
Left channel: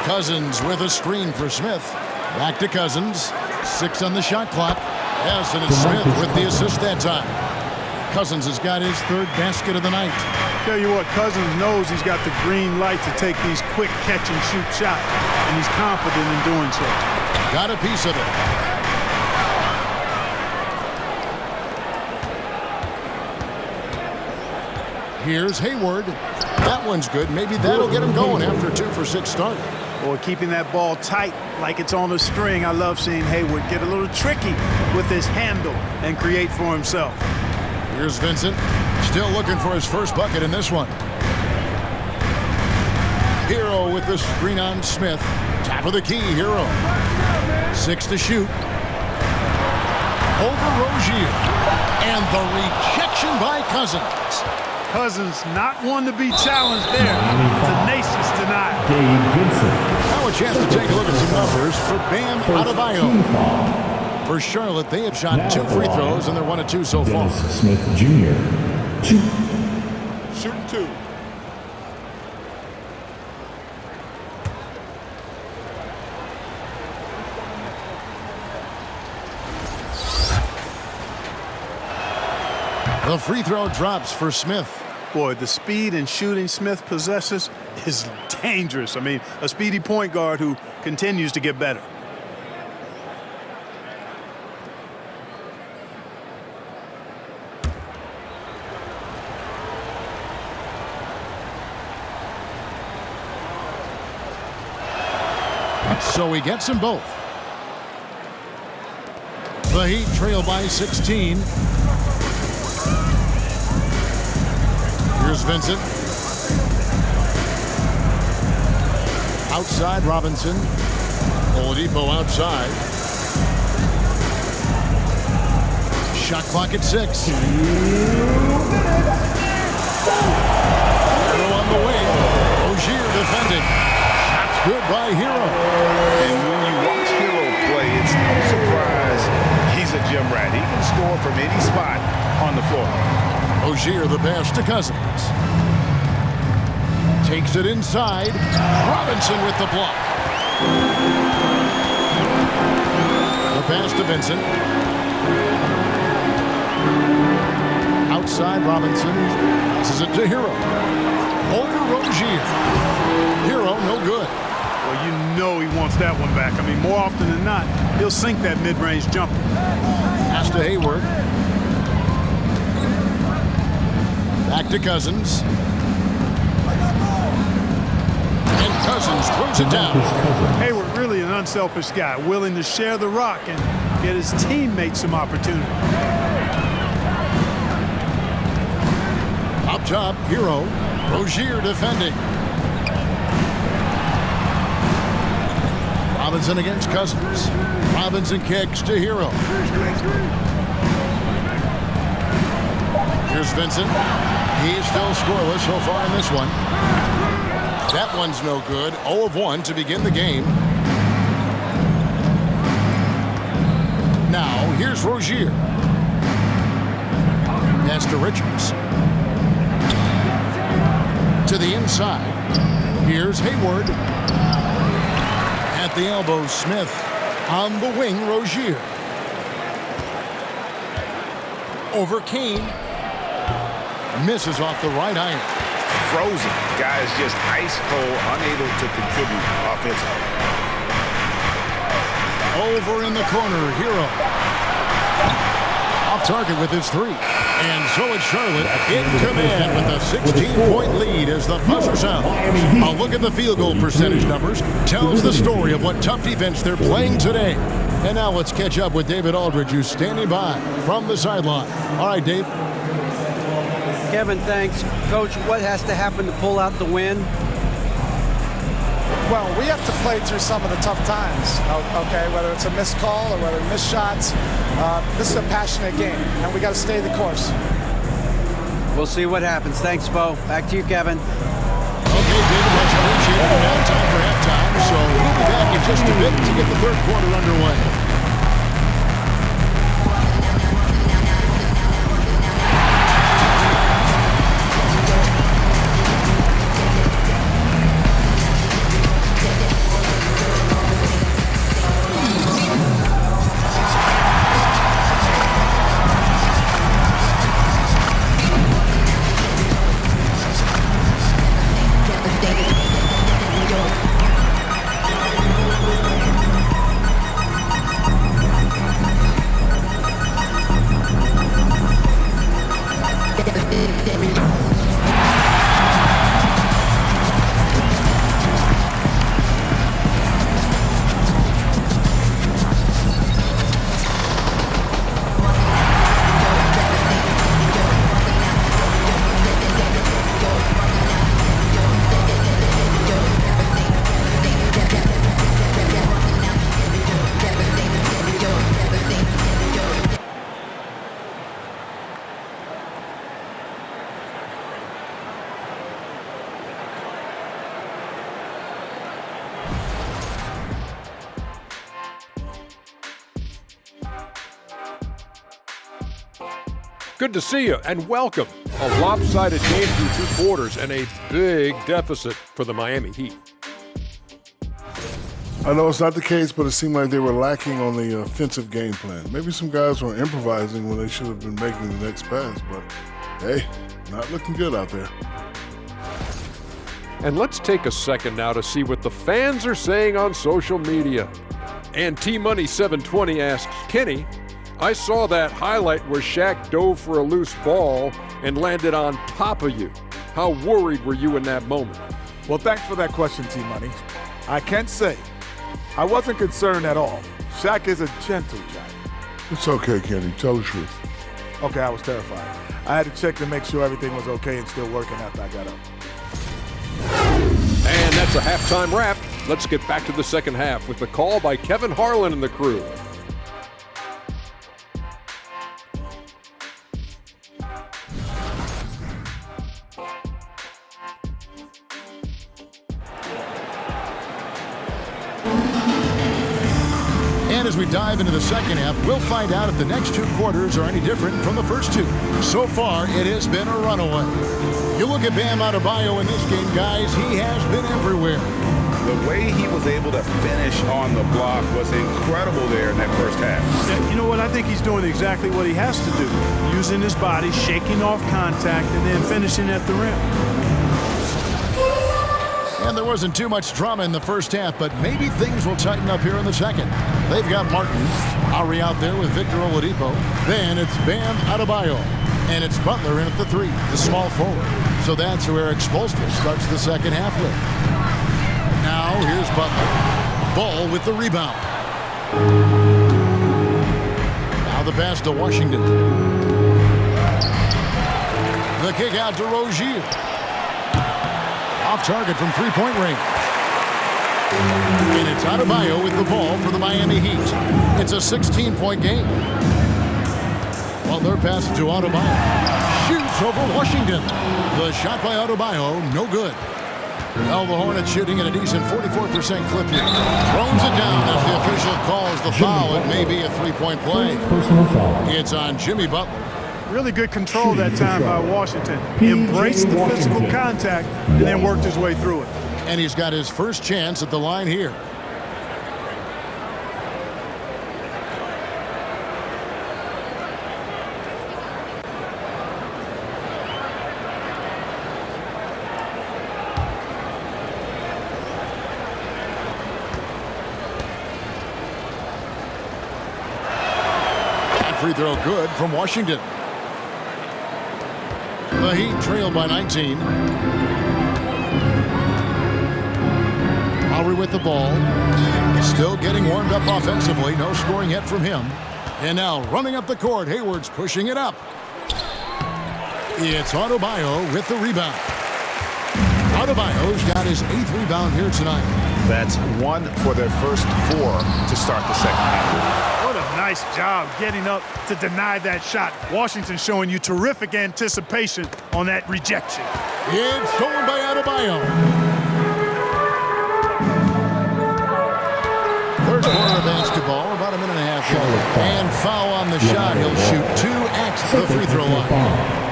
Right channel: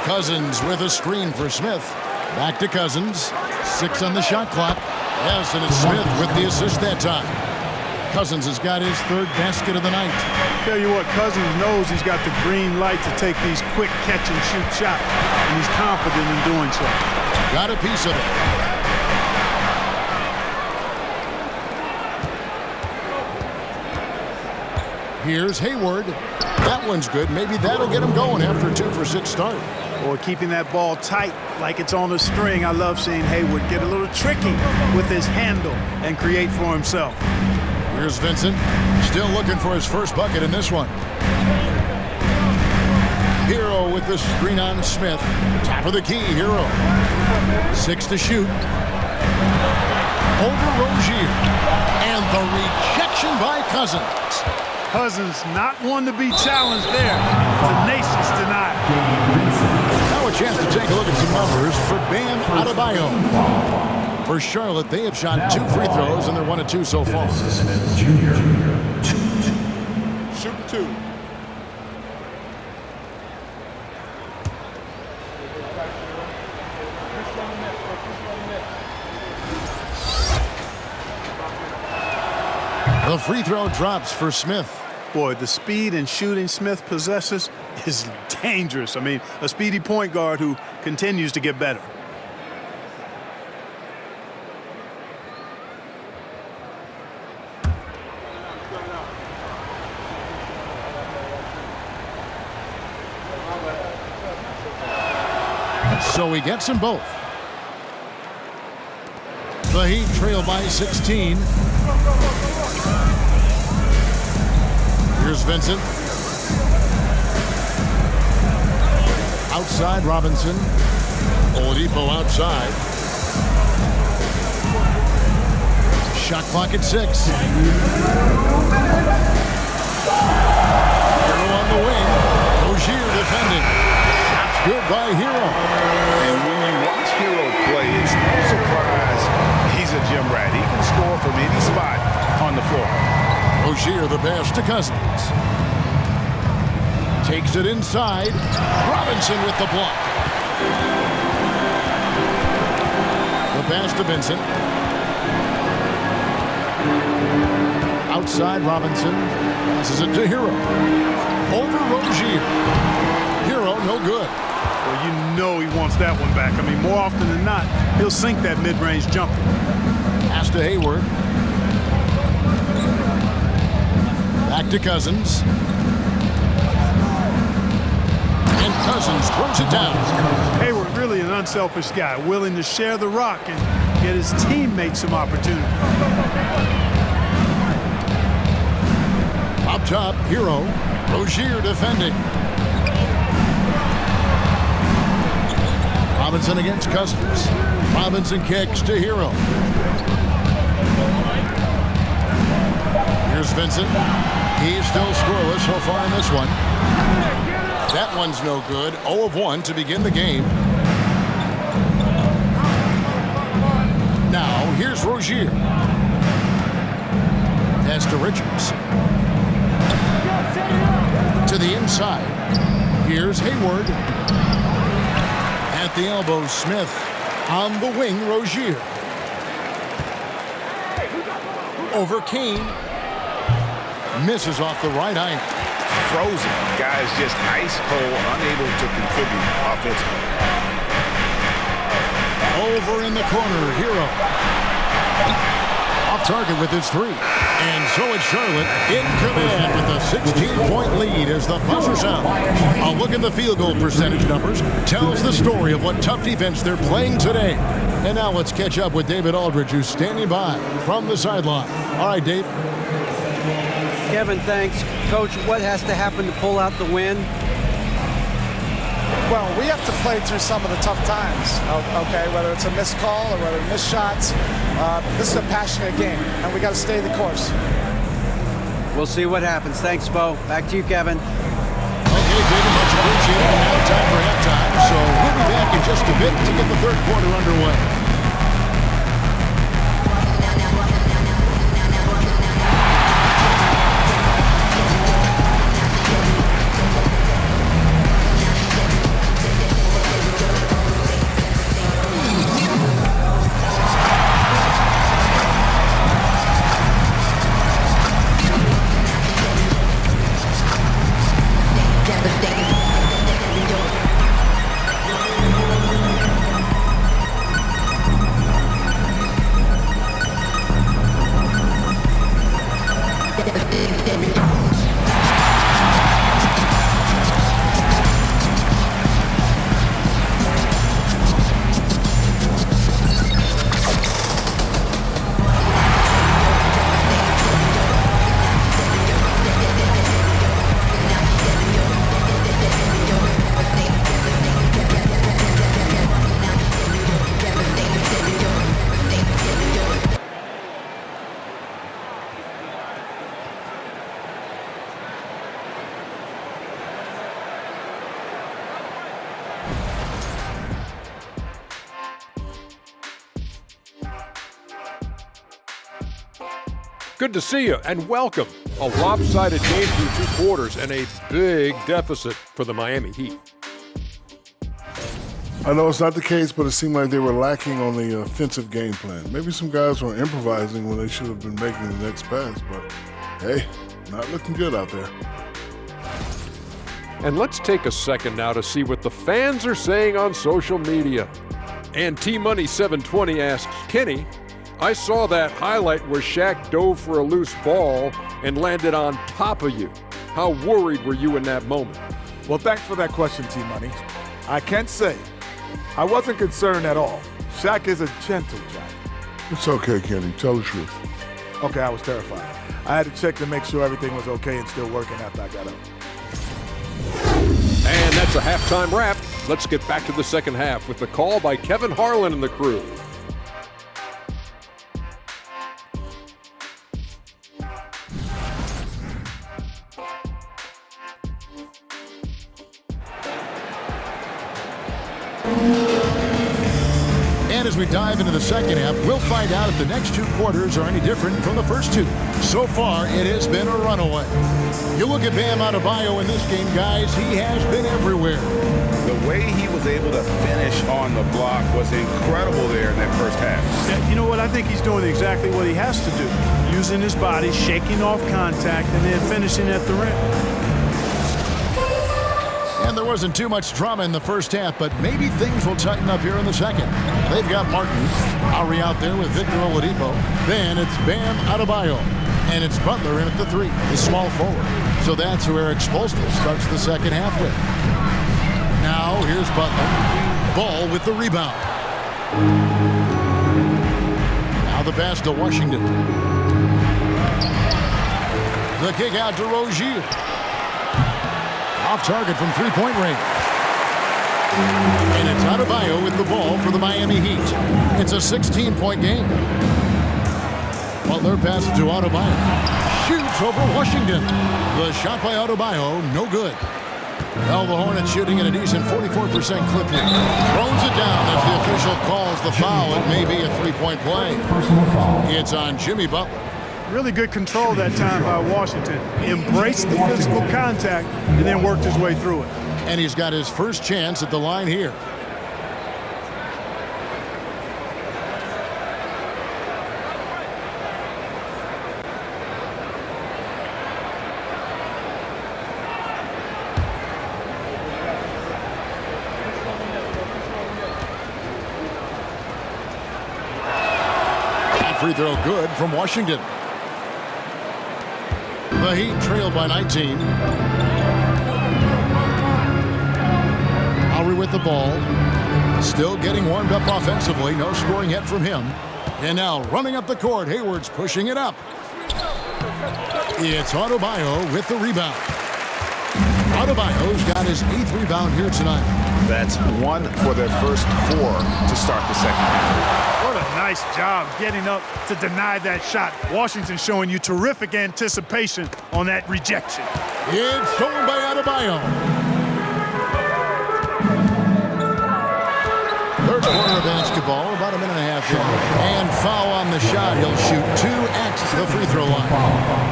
Cousins with a screen for Smith. Back to Cousins. 6 on the shot clock. Yes, and it's Smith with the assist that time. Cousins has got his 3rd basket of the night. Tell you what, Cousins knows he's got the green light to take these quick catch-and-shoot shots, and he's confident in doing so. Got a piece of it. Here's Hayward. That one's good. Maybe that'll get him going after a 2 for 6 start. Boy, keeping that ball tight like it's on a string. I love seeing Hayward get a little tricky with his handle and create for himself. Here's Vincent, still looking for his first bucket in this one. Hero with the screen on Smith. Top of the key, Hero. 6 to shoot. Over Rozier. And the rejection by Cousins. Cousins not one to be challenged there. Tenacious denial. Now a chance to take a look at some numbers for Bam Adebayo. For Charlotte, they have shot 2 free throws, and they're 1 of 2 so far. Smith Jr. Shooting 2. The free throw drops for Smith. Boy, the speed and shooting Smith possesses is dangerous. I mean, a speedy point guard who continues to get better. So he gets them both. The Heat trail by 16. Here's Vincent. Outside Robinson. Oladipo outside. Shot clock at 6. Hero on the wing. Rozier defending. Shots good by Hero. And when you watch Hero play, it's no surprise he's a gym rat. He can score from any spot on the floor. Rozier the pass to Cousins. Takes it inside. Robinson with the block. The pass to Vincent. Outside Robinson. Passes it to Hero. Over Rozier. Hero no good. Well, you know he wants that one back. I mean, more often than not, he'll sink that mid-range jumper. Pass to Hayward. Back to Cousins. And Cousins throws it down. Hayward really an unselfish guy, willing to share the rock and get his teammates some opportunity. Up top, Hero. Rozier defending. Robinson against Cousins. Robinson kicks to Hero. Here's Vincent. He's still scoreless so far in this one. That one's no good. 0 of 1 to begin the game. Now, here's Rozier. Pass to Richards. To the inside. Here's Hayward. At the elbow, Smith. On the wing, Rozier. Over Kane. Misses off the right iron. Frozen. Guys just ice cold, unable to contribute offensively. Over in the corner, Hero. Off target with his 3. And so it's Charlotte in command with a 16-point lead as the buzzer sounds. A look at the field goal percentage numbers tells the story of what tough defense they're playing today. And now let's catch up with David Aldridge, who's standing by from the sideline. All right, Dave. Kevin, thanks. Coach, what has to happen to pull out the win? Well, we have to play through some of the tough times, okay, whether it's a missed call or whether missed shots. This is a passionate game, and we got to stay the course. We'll see what happens. Thanks, Bo. Back to you, Kevin. Okay, David, much appreciated. And now time for halftime, so we'll be back in just a bit to get the third quarter underway. Good to see you, and welcome. A lopsided game through 2 quarters and a big deficit for the Miami Heat. I know it's not the case, but it seemed like they were lacking on the offensive game plan. Maybe some guys were improvising when they should have been making the next pass, but hey, not looking good out there. And let's take a second now to see what the fans are saying on social media. And T-Money720 asks, Kenny, I saw that highlight where Shaq dove for a loose ball and landed on top of you. How worried were you in that moment? Well, thanks for that question, T-Money. I can't say I wasn't concerned at all. Shaq is a gentle giant. It's okay, Kenny. Tell the truth. Okay, I was terrified. I had to check to make sure everything was okay and still working after I got up. And that's a halftime wrap. Let's get back to the second half with the call by Kevin Harlan and the crew. And as we dive into the second half, we'll find out if the next 2 quarters are any different from the first 2. So far, it has been a runaway. You look at Bam Adebayo in this game, guys, he has been everywhere. The way he was able to finish on the block was incredible there in that first half. Yeah, you know what? I think he's doing exactly what he has to do. Using his body, shaking off contact, and then finishing at the rim. And there wasn't too much drama in the first half, but maybe things will tighten up here in the second. They've got Martin, Ari out there with Victor Oladipo. Then it's Bam Adebayo. And it's Butler in at the 3, the small forward. So that's who Eric Spoelstra starts the second half with. Now here's Butler. Ball with the rebound. Now the pass to Washington. The kick out to Rozier. Off target from 3-point range. And it's Adebayo with the ball for the Miami Heat. It's a 16-point game. Butler passes to Adebayo. shoots over Washington. The shot by Adebayo, no good. Well, the Hornets shooting at a decent 44% clip here. Throws it down as the official calls the foul. It may be a three-point play. It's on Jimmy Butler. Really good control that time by Washington. Embraced the physical contact and then worked his way through it. And he's got his first chance at the line here. Free throw good from Washington. The Heat trailed by 19. Lowry with the ball. Still getting warmed up offensively. No scoring yet from him. And now running up the court. Hayward's pushing it up. It's Adebayo with the rebound. Adebayo's got his 8th rebound here tonight. That's 1 for their first 4 to start the second half. What a nice job getting up to deny that shot. Washington showing you terrific anticipation on that rejection. It's stolen by Adebayo. Third quarter of basketball. We're about a minute and a half in. And foul on the shot. He'll shoot 2 at the free throw line.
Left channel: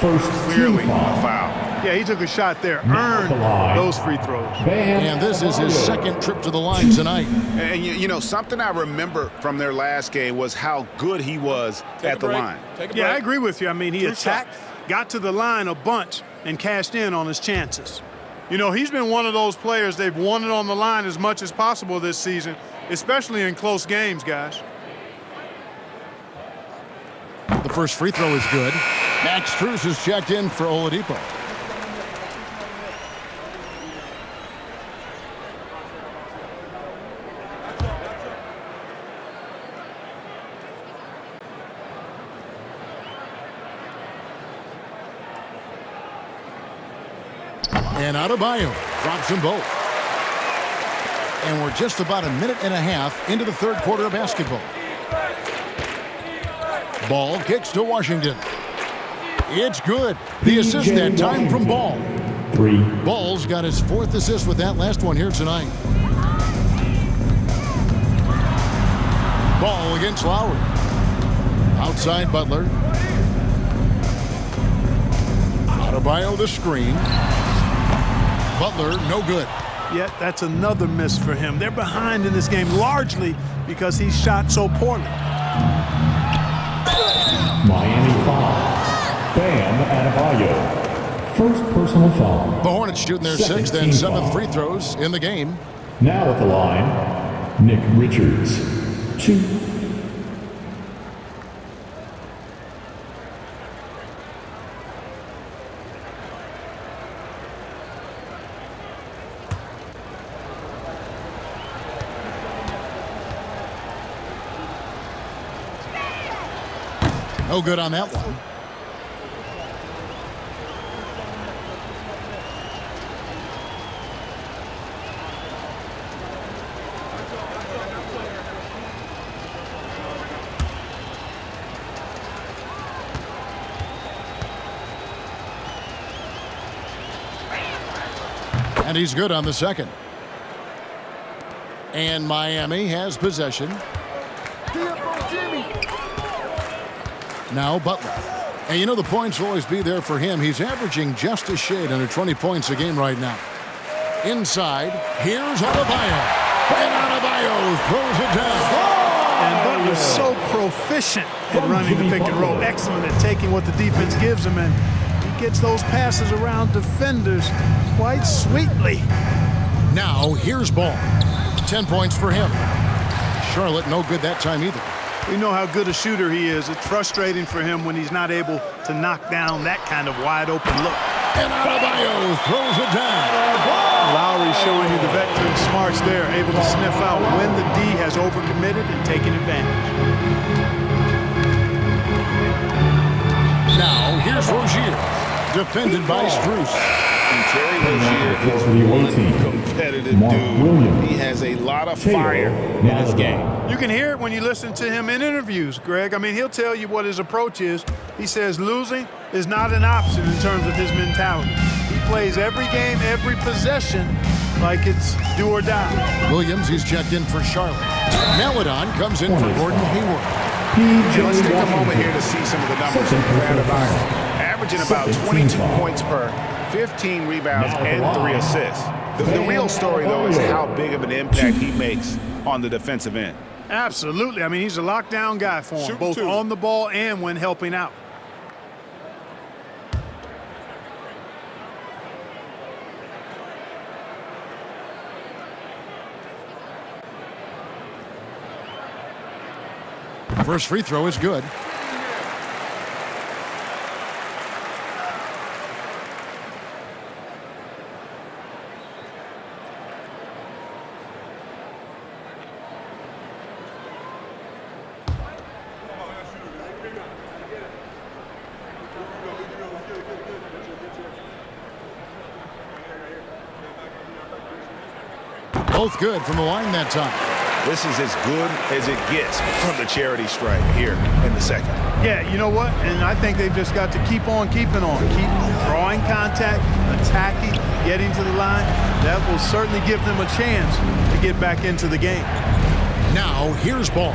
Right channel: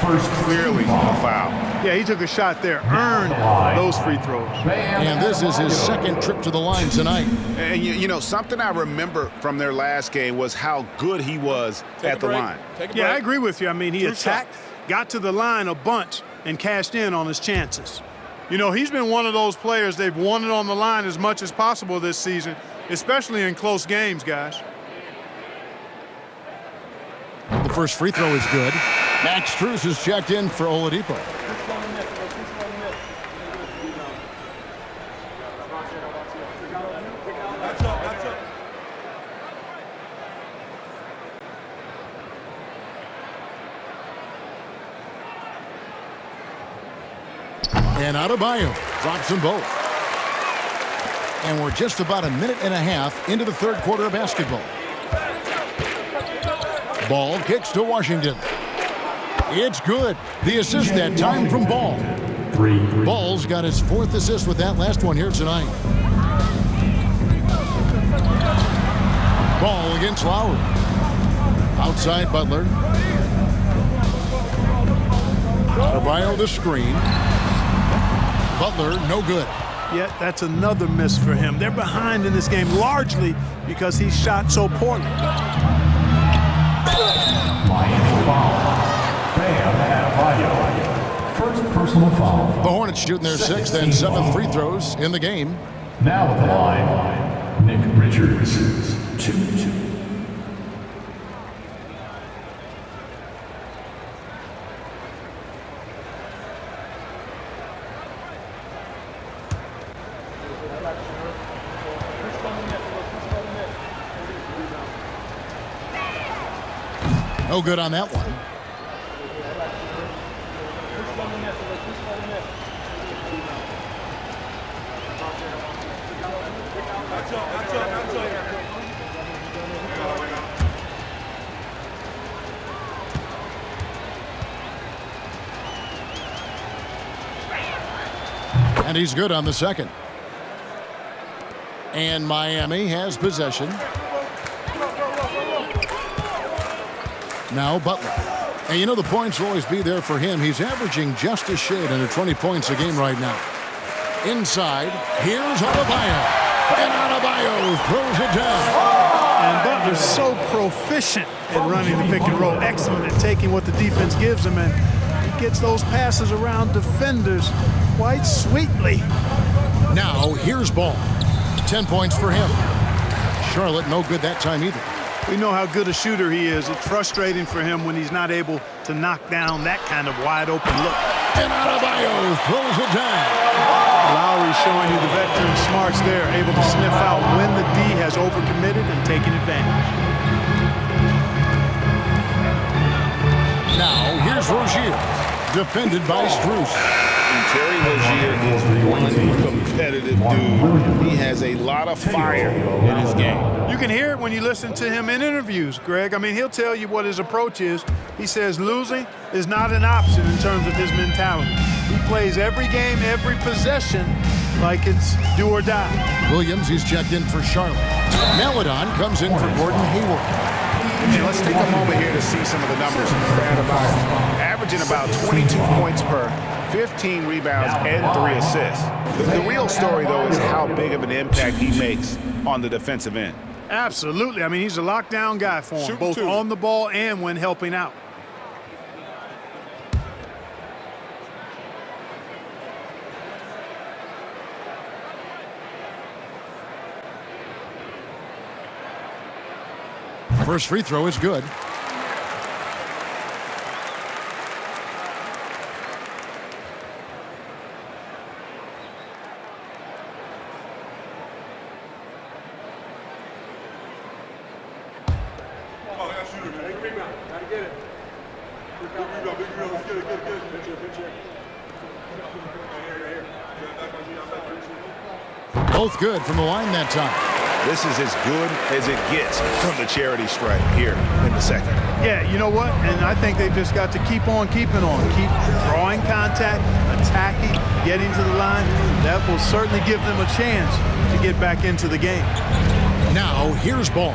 Clearly a foul. Yeah, he took a shot there, earned those free throws. And this is his second trip to the line tonight. And you know, something I remember from their last game was how good he was at the line. Yeah, I agree with you. I mean, he attacked, got to the line a bunch, and cashed in on his chances. You know, he's been one of those players they've wanted on the line as much as possible this season, especially in close games, guys. The first free throw is good. Max Strus is checked in for Oladipo. And Adebayo drops them both. And we're just about a minute and a half into the third quarter of basketball. Ball kicks to Washington. It's good. The assist that time from Ball. Ball's got his 4th assist with that last one here tonight. Ball against Lowry. Outside Butler. Adebayo the screen. Butler, no good. Yet that's another miss for him. They're behind in this game largely because he shot so poorly. Miami foul. Bam Adebayo. First personal foul. The Hornets shooting their 6th and 7th free throws in the game. Now at the line, Nick Richards. 2. No good on that one. And he's good on the second. And Miami has possession. Now Butler. And you know the points will always be there for him. He's averaging just a shade under 20 points a game right now. Inside, here's Adebayo. And Adebayo throws it down. And Butler's so proficient at running the pick and roll. Excellent at taking what the defense gives him. And he gets those passes around defenders quite sweetly. Now here's Ball. 10 points for him. Charlotte no good that time either. We know how good a shooter he is. It's frustrating for him when he's not able to knock down that kind of wide-open look. And Adebayo throws it down. Lowry showing you the veteran smarts there, able to sniff out when the D has overcommitted and taken advantage. Now, here's Rozier, defended by Strus. And Terry Rozier is one competitive dude. He has a lot of fire in his game. You can hear it when you listen to him in interviews, Greg. I mean, he'll tell you what his approach is. He says losing is not an option in terms of his mentality. He plays every game, every possession like it's do or die. Williams, he's checked in for Charlotte. Maladon comes in for Gordon Hayward. And let's take a moment here to see some of the numbers for Adebayo. Averaging about 22 points per, 15 rebounds, and 3 assists. The real story, though, is how big of an impact he makes on the defensive end. Absolutely. I mean, he's a lockdown guy for him, both on the ball and when helping out. First free throw is good. Both good from the line that time. This is as good as it gets from the charity stripe here in the second. Yeah, you know what? And I think they've just got to keep on keeping on. Keep drawing contact, attacking, getting to the line. That will certainly give them a chance to get back into the game. Now, here's Ball.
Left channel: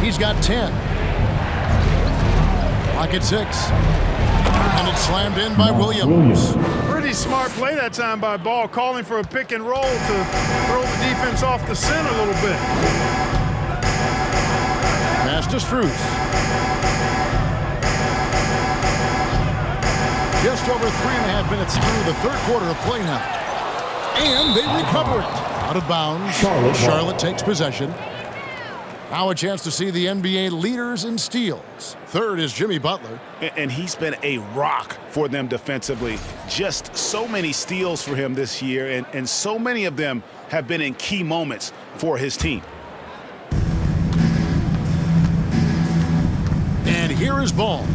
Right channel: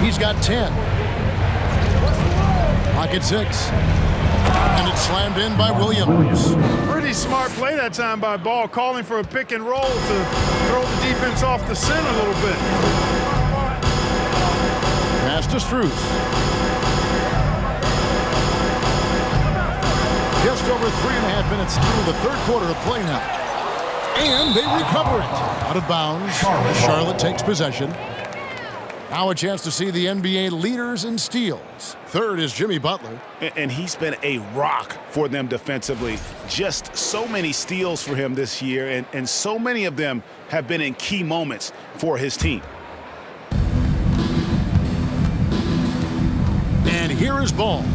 He's got 10. Pocket 6. And it's slammed in by Williams. Pretty smart play that time by Ball, calling for a pick and roll to throw the defense off the scent a little bit. Pass to Strus. Just over 3.5 minutes through the third quarter of play now. And they recover it. Out of bounds. Charlotte takes possession. Now a chance to see the NBA leaders in steals. Third is Jimmy Butler. And he's been a rock for them defensively. Just so many steals for him this year, and so many of them have been in key moments for his team. And here is Ball.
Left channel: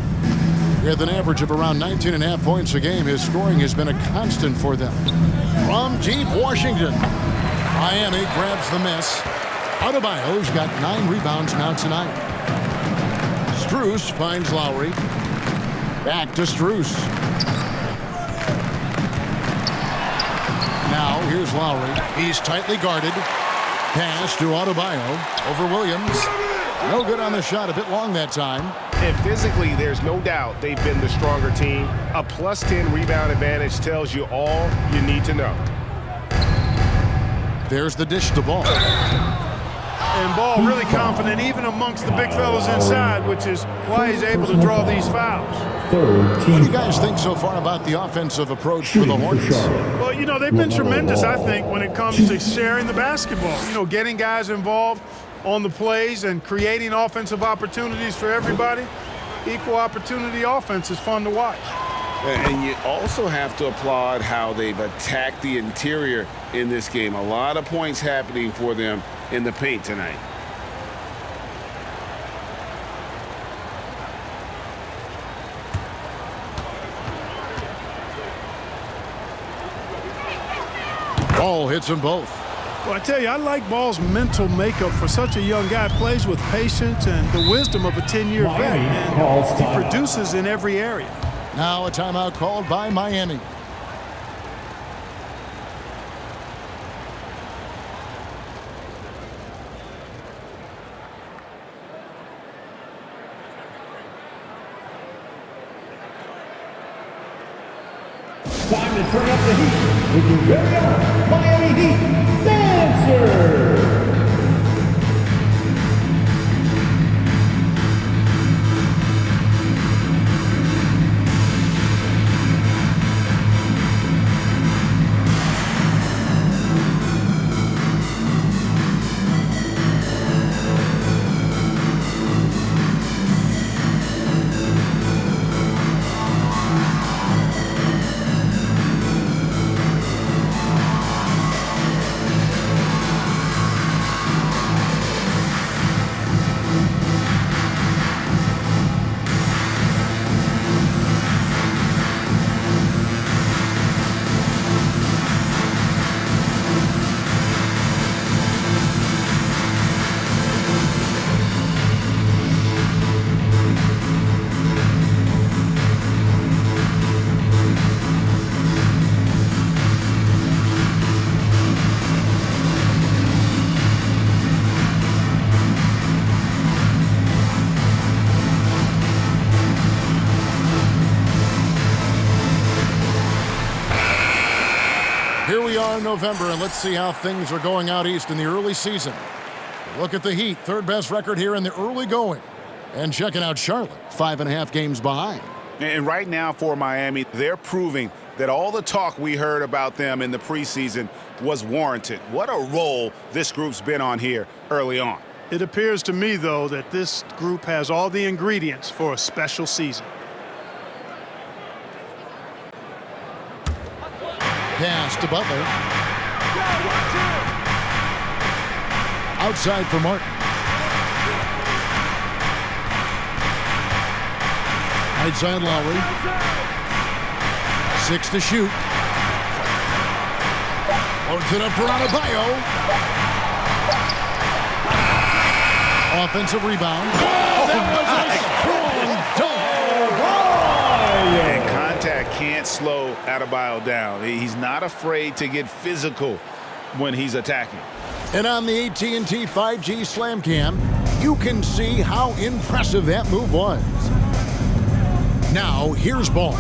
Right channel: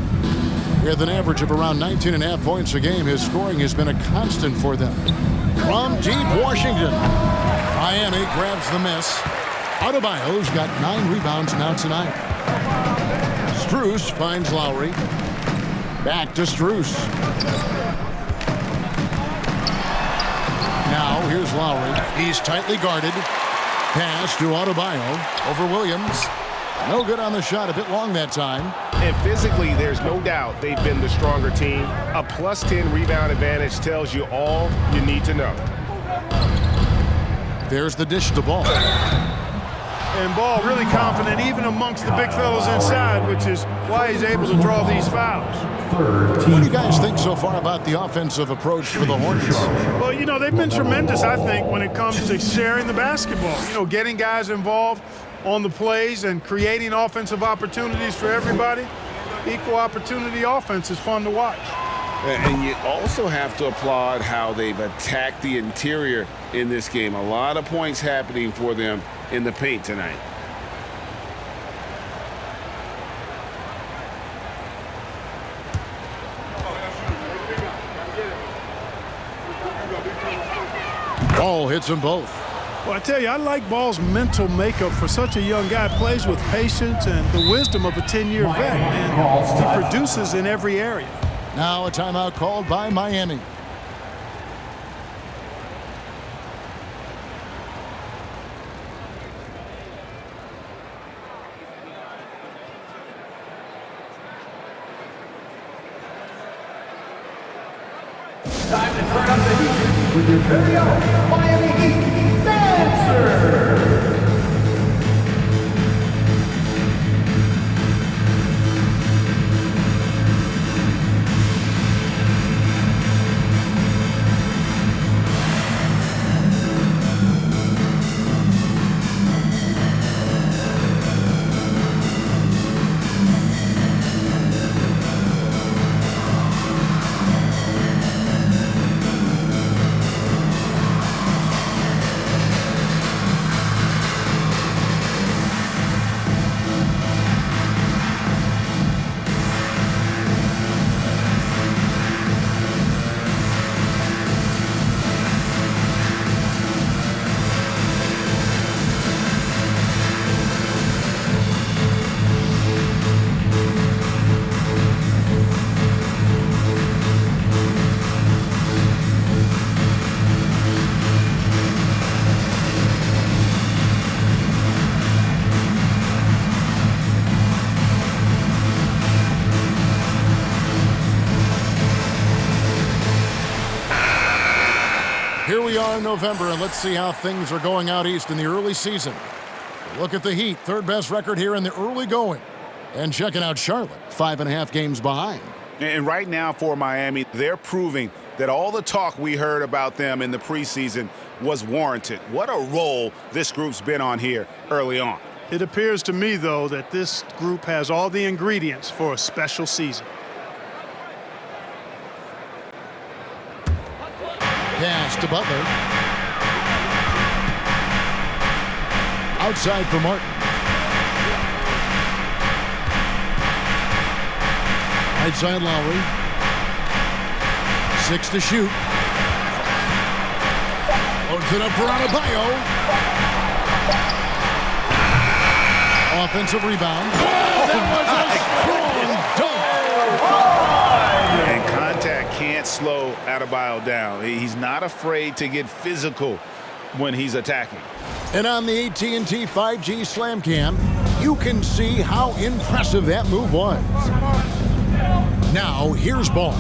With an average of around 19.5 points a game, his scoring has been a constant for them. From deep Washington, Miami grabs the miss. Adebayo's got 9 rebounds now tonight. Strus finds Lowry. Back to Strus. Now here's Lowry. He's tightly guarded. Pass to Adebayo over Williams. No good on the shot, a bit long that time. And physically, there's no doubt they've been the stronger team. A plus 10 rebound advantage tells you all you need to know. There's the dish to Ball. And Ball really confident even amongst the big fellas inside, which is why he's able to draw these fouls. What do you guys think so far about the offensive approach for the Hornets? Well, you know, they've been tremendous, I think, when it comes to sharing the basketball. You know, getting guys involved on the plays and creating offensive opportunities for everybody. Equal opportunity offense is fun to watch. And you also have to applaud how they've attacked the interior in this game. A lot of points happening for them in the paint tonight. Ball hits them both. Well, I tell you, I like Ball's mental makeup for such a young guy. Plays with patience and the wisdom of a 10-year vet, and he produces in every area. Now a timeout called by Miami. Time to turn up the heat with your very own Miami Heat Dancer. we are in November, and let's see how things are going out east in the early season. Look at the Heat, third best record here in the early going. And checking out Charlotte, 5.5 games behind. And right now for Miami, they're proving that all the talk we heard about them in the preseason was warranted. What a role this group's been on here early on. It appears to me, though, that this group has all the ingredients for a special season. Pass to Butler. Outside for Martin. Right side Lowry. 6 to shoot. Loads it up for Adebayo. Offensive rebound. That was a strong dunk. And contact can't slow Adebayo down. He's not afraid to get physical when he's attacking. And on the AT&T 5G Slam Cam, you can see how impressive that move was. Now, here's Ball.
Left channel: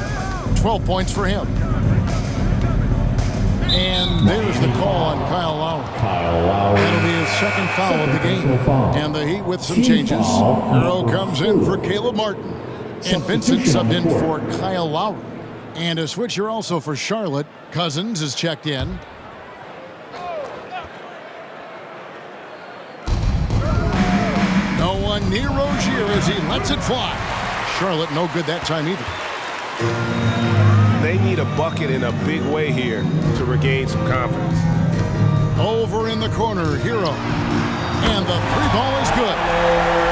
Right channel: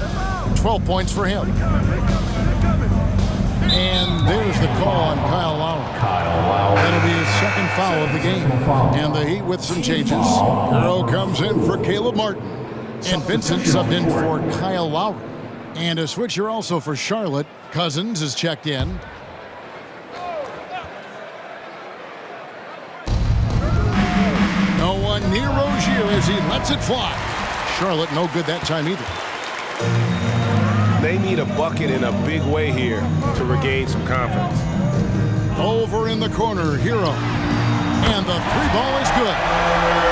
12 points for him. And there's the call on Kyle Lowry. That'll be his second foul of the game. And the Heat with some changes. Hero comes in for Caleb Martin. And Vincent subbed in for Kyle Lowry. And a switcher also for Charlotte. Cousins is checked in. No one near Rozier as he lets it fly. Charlotte no good that time either. They need a bucket in a big way here to regain some confidence. Over in the corner, Hero. And the three ball is good.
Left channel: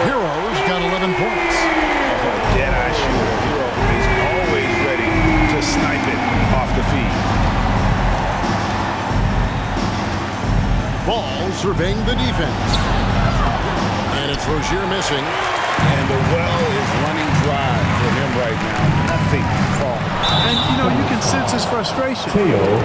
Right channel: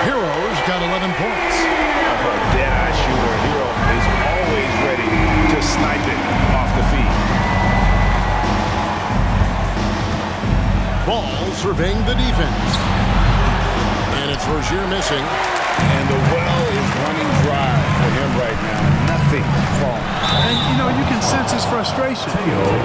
Hero's got 11 points. Oh, a dead-eye shooter. Hero is always ready to snipe it off the feed. Ball surveying the defense. And it's Rozier missing. And the well is running dry for him right now. Nothing falling. And, you know, you can sense his frustration.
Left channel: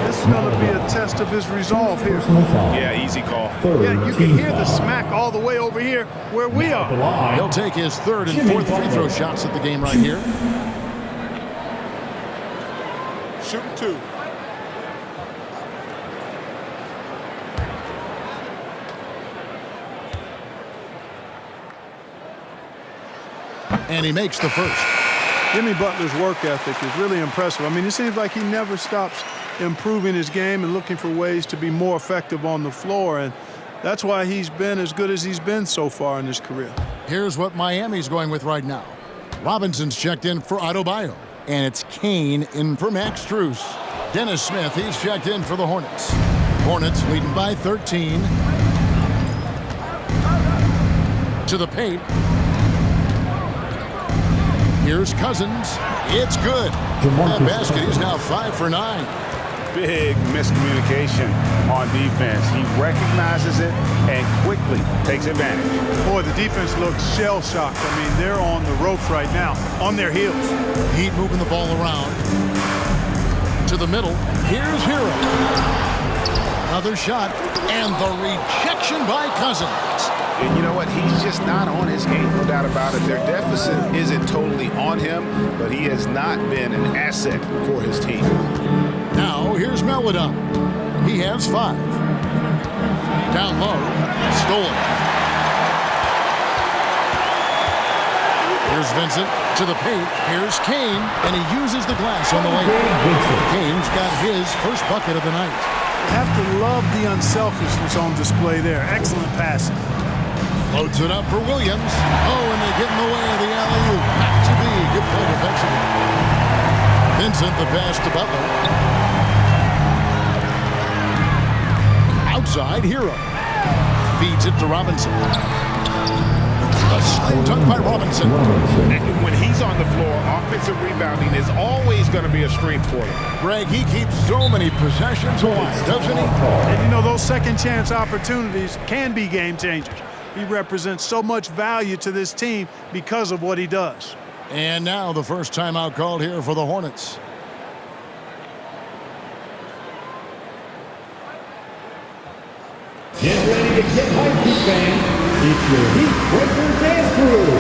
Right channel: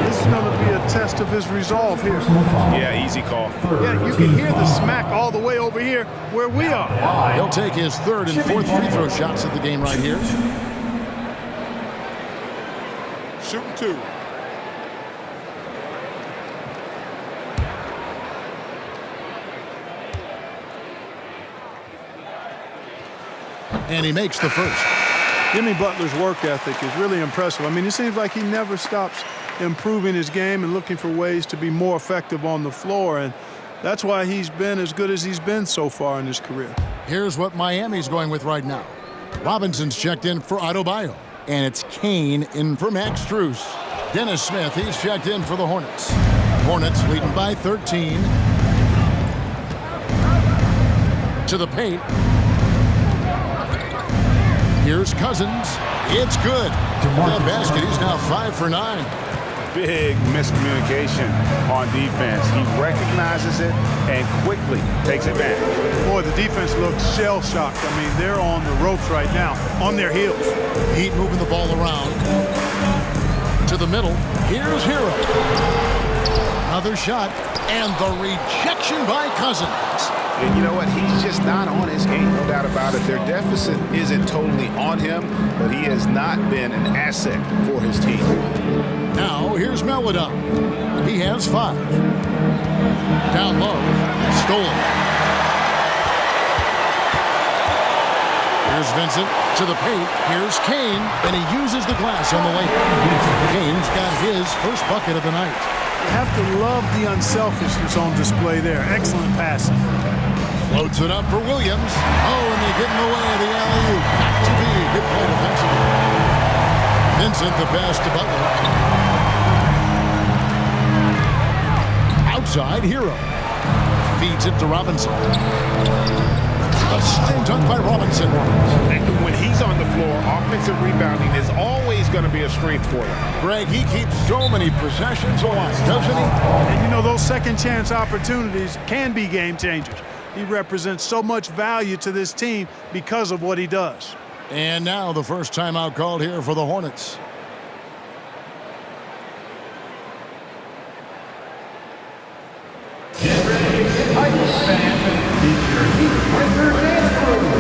This is going to be a test of his resolve here. Yeah, easy call. Yeah, you can hear the smack all the way over here where we are. He'll take his third and fourth free throw shots at the game right here. Shooting 2. And he makes the first. Jimmy Butler's work ethic is really impressive. I mean, it seems like he never stops improving his game and looking for ways to be more effective on the floor. And that's why he's been as good as he's been so far in his career. Here's what Miami's going with right now. Robinson's checked in for Adebayo. And it's Kane in for Max Strus. Dennis Smith, he's checked in for the Hornets. Hornets leading by 13. To the paint. Here's Cousins. It's good. That basket, he's now 5 for 9. Big miscommunication on defense. He recognizes it and quickly takes advantage. Boy, the defense looks shell-shocked. I mean, they're on the ropes right now, on their heels. Heat moving the ball around. To the middle. Here's Hero. Another shot. And the rejection by Cousins. And you know what? He's just not on his game, no doubt about it. Their deficit isn't totally on him, but he has not been an asset for his team. Now, here's Melodon. He has 5. Down low. Stolen. Here's Vincent to the paint. Here's Kane, and he uses the glass on the layup. Kane's got his first bucket of the night. You have to love the unselfishness on display there. Excellent passing. Loads it up for Williams. Oh, and they get in the way of the alley-oop. Not to be. Good play defensively. Vincent, the pass to Butler. Outside, Hero. Feeds it to Robinson. A slam dunk by Robinson. And when he's on the floor, offensive rebounding is always going to be a strength for them. Greg, he keeps so many possessions alive, doesn't he? And you know, those second chance opportunities can be game changers. He represents so much value to this team because of what he does. And now the first timeout called here for the Hornets. Get ready to get hyped, fans. It's your Heat Breaker Dance Crew.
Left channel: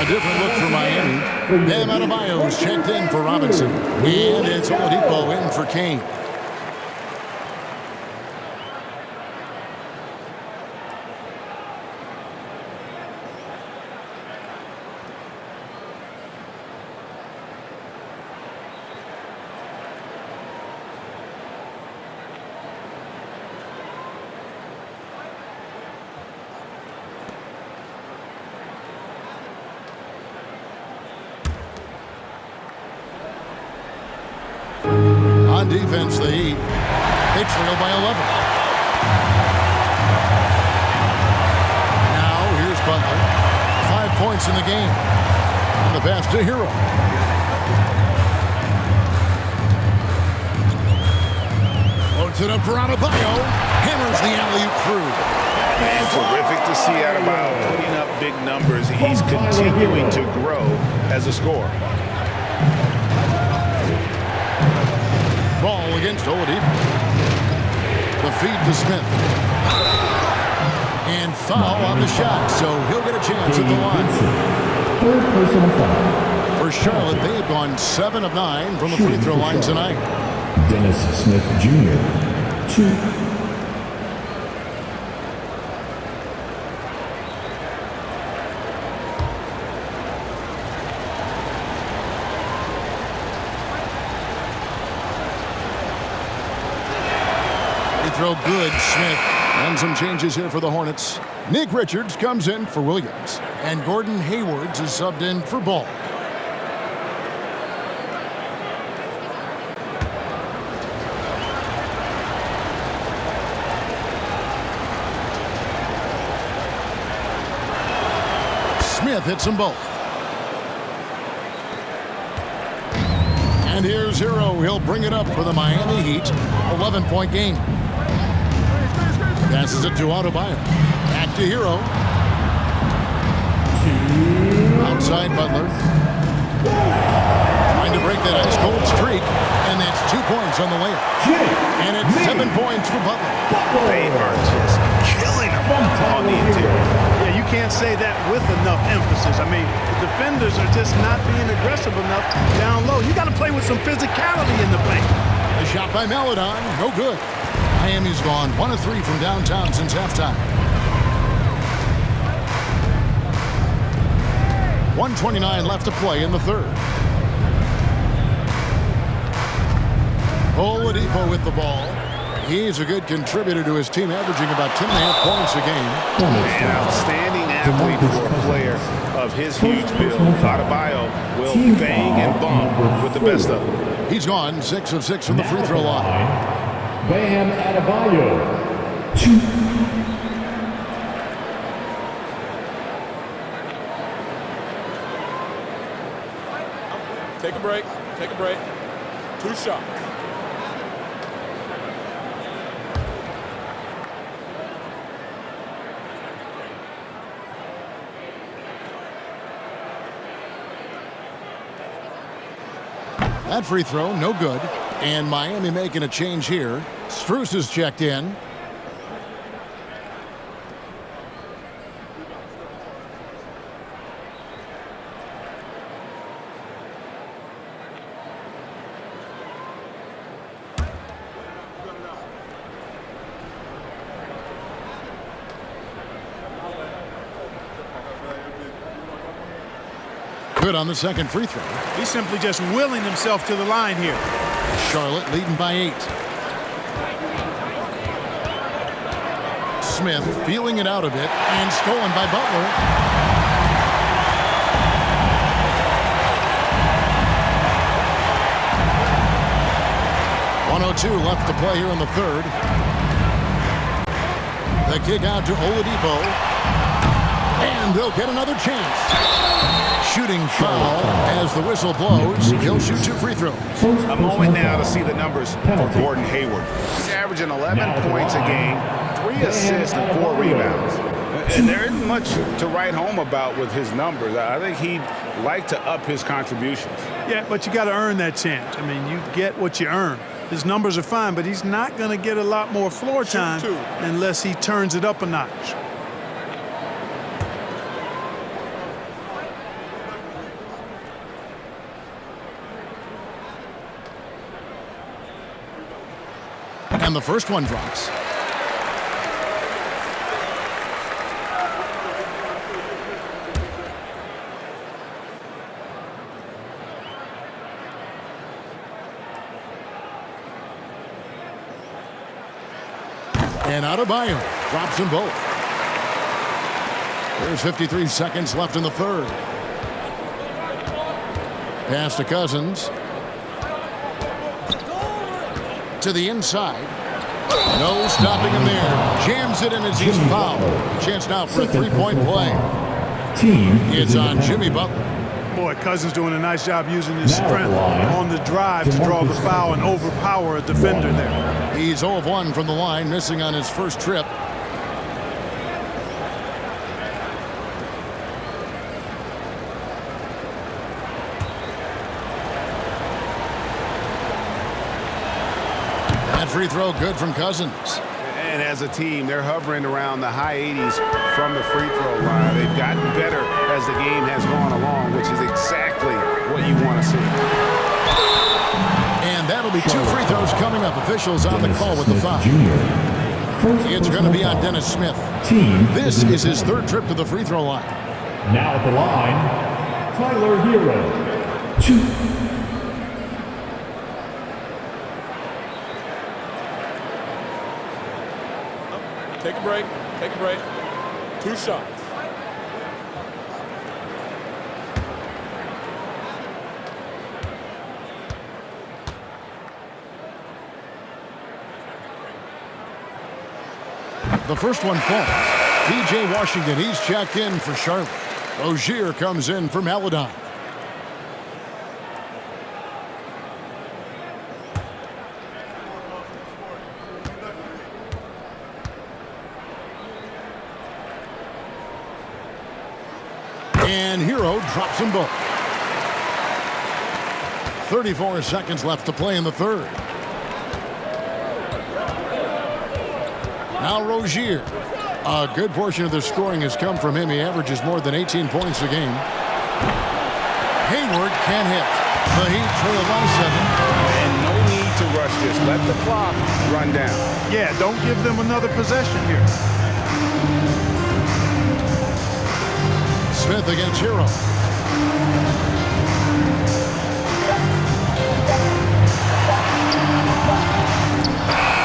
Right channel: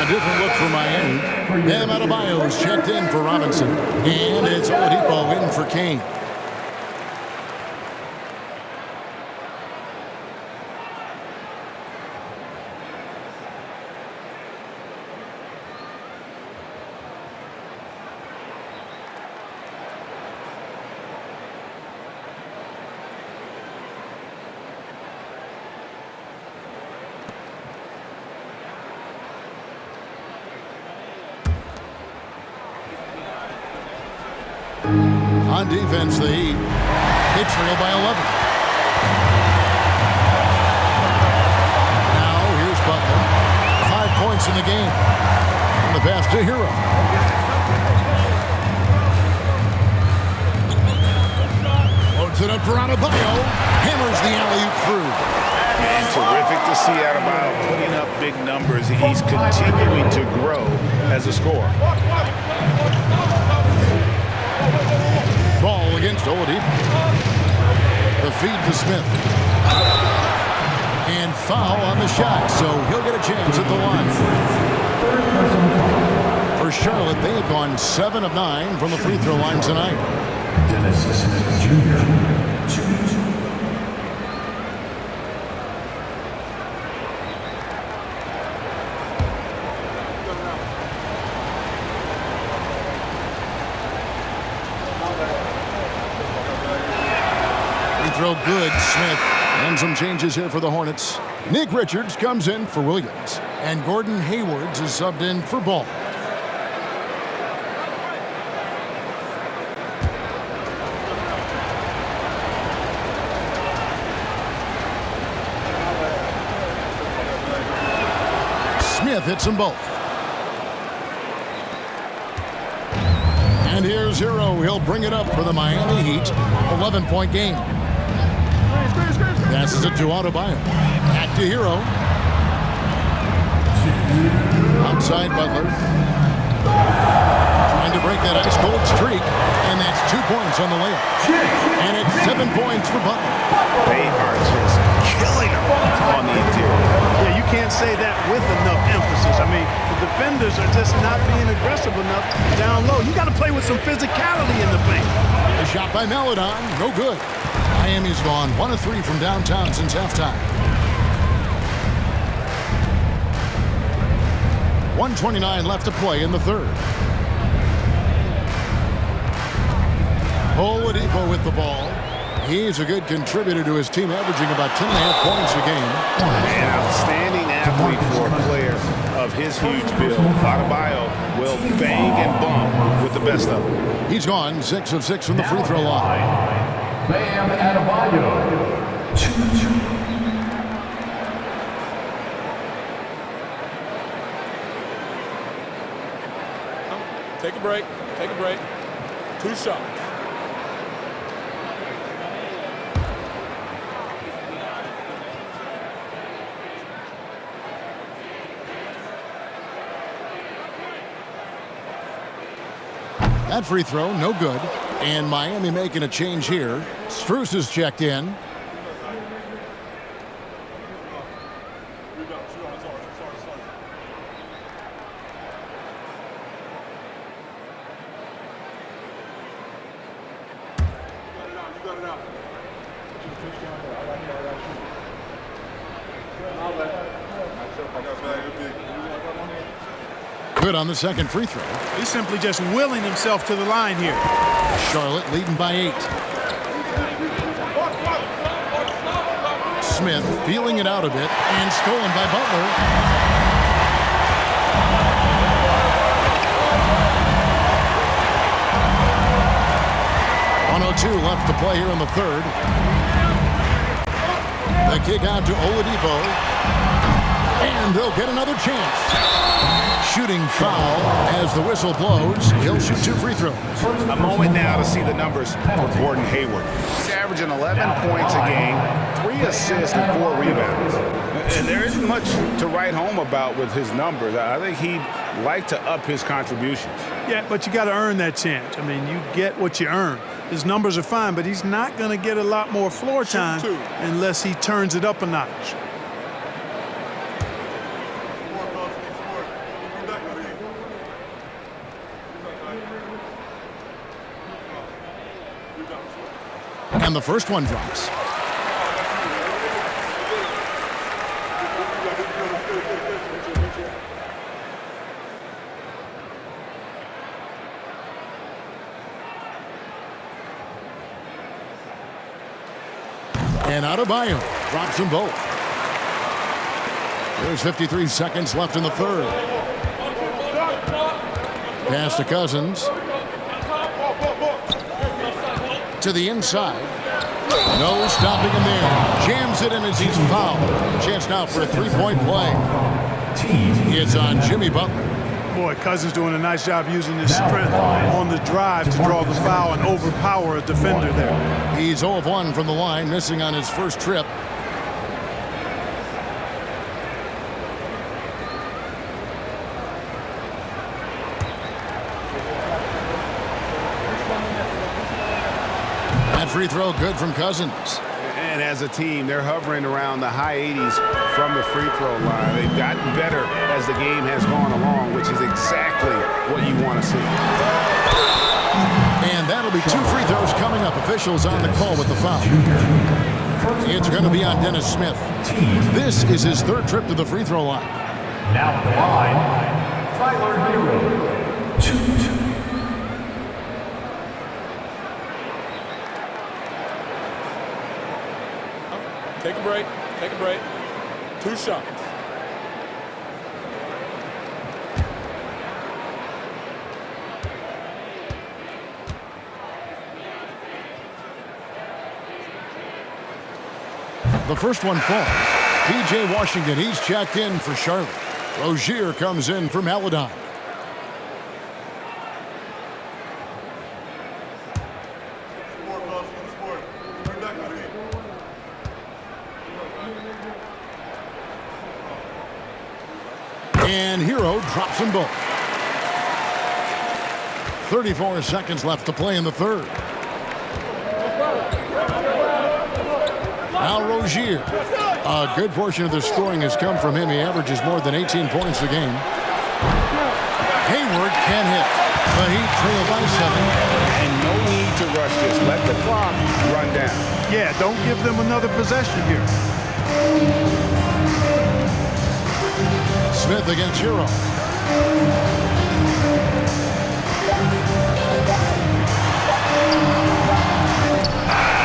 A different look for Miami. Bam Adebayo's checked in for Robinson. And it's Oladipo in for Kane. On defense, the Heat, they trail by 11. Now, here's Butler. 5 points in the game. On the pass to Hero. Loads it up for Adebayo. Hammers the alley-oop through. And terrific to see Adebayo putting up big numbers. He's continuing to grow as a scorer. Ball against Oladipo. The feed to Smith. And foul on the shot, so he'll get a chance at the line. Third personal foul. For Charlotte, they have gone 7 of 9 from the free throw line tonight. Dennis Smith Jr. 2. Throw good, Smith. And some changes here for the Hornets. Nick Richards comes in for Williams. And Gordon Hayward is subbed in for Ball. Smith hits them both. And here's Hero. He'll bring it up for the Miami Heat. 11-point game. Passes it to Adebayo. Back to Hero. Outside Butler. Trying to break that ice-cold streak. And that's 2 points on the layup. And it's 7 points for Butler. They are just killing them on the interior. Yeah, you can't say that with enough emphasis. I mean, the defenders are just not being aggressive enough down low. You got to play with some physicality in the paint. A shot by Maladon. No good. Miami's gone 1 of 3 from downtown since halftime. 1:29 left to play in the third. Oladipo with the ball. He's a good contributor to his team, averaging about 10.5 points a game. An outstanding athlete for a player of his huge build. Adebayo will bang and bump with the best of them. He's gone 6 of 6 from the free throw line. Bam Adebayo. 2. Take a break. Take a break. 2 shots. That free throw, no good. And Miami making a change here. Strus is checked in. Good on the second free throw. He's simply just willing himself to the line here. Charlotte leading by 8. Smith feeling it out a bit and stolen by Butler. .102 left to play here in the third. The kick out to Oladipo. And they'll get another chance. Shooting foul as the whistle blows. He'll shoot 2 free throws. A moment now to see the numbers for Gordon Hayward. He's averaging 11 points a game, 3 assists and 4 rebounds. And there isn't much to write home about with his numbers. I think he'd like to up his contributions. Yeah, but you got to earn that chance. I mean, you get what you earn. His numbers are fine, but he's not going to get a lot more floor time unless he turns it up a notch. And the first one drops. And Adebayo drops them both. There's 53 seconds left in the third. Pass to Cousins. To the inside. No stopping him there. Jams it in as he's fouled. A chance now for a three-point play. It's on Jimmy Butler. Boy, Cousins doing a nice job using his strength on the drive to draw the foul and overpower a defender there. He's 0 of 1 from the line, missing on his first trip. That free throw good from Cousins. And as a team, they're hovering around the high 80s from the free throw line. They've gotten better as the game has gone along, which is exactly what you want to see. And that'll be 2 free throws coming up. Officials on the call with the foul. It's going to be on Dennis Smith. This is his 3rd trip to the free throw line. Now at the line, Tyler Hero. Shoot. Take a break. Take a break. 2 shots. The first one falls. P.J. Washington, he's checked in for Charlotte. Rozier comes in for Maladon. And Hero drops them both. 34 seconds left to play in the third. Now Rozier. A good portion of the scoring has come from him. He averages more than 18 points a game. Hayward can hit. The Heat trail by 7. And no need to rush this. Let the clock run down. Yeah, don't give them another possession here. Smith against Hero.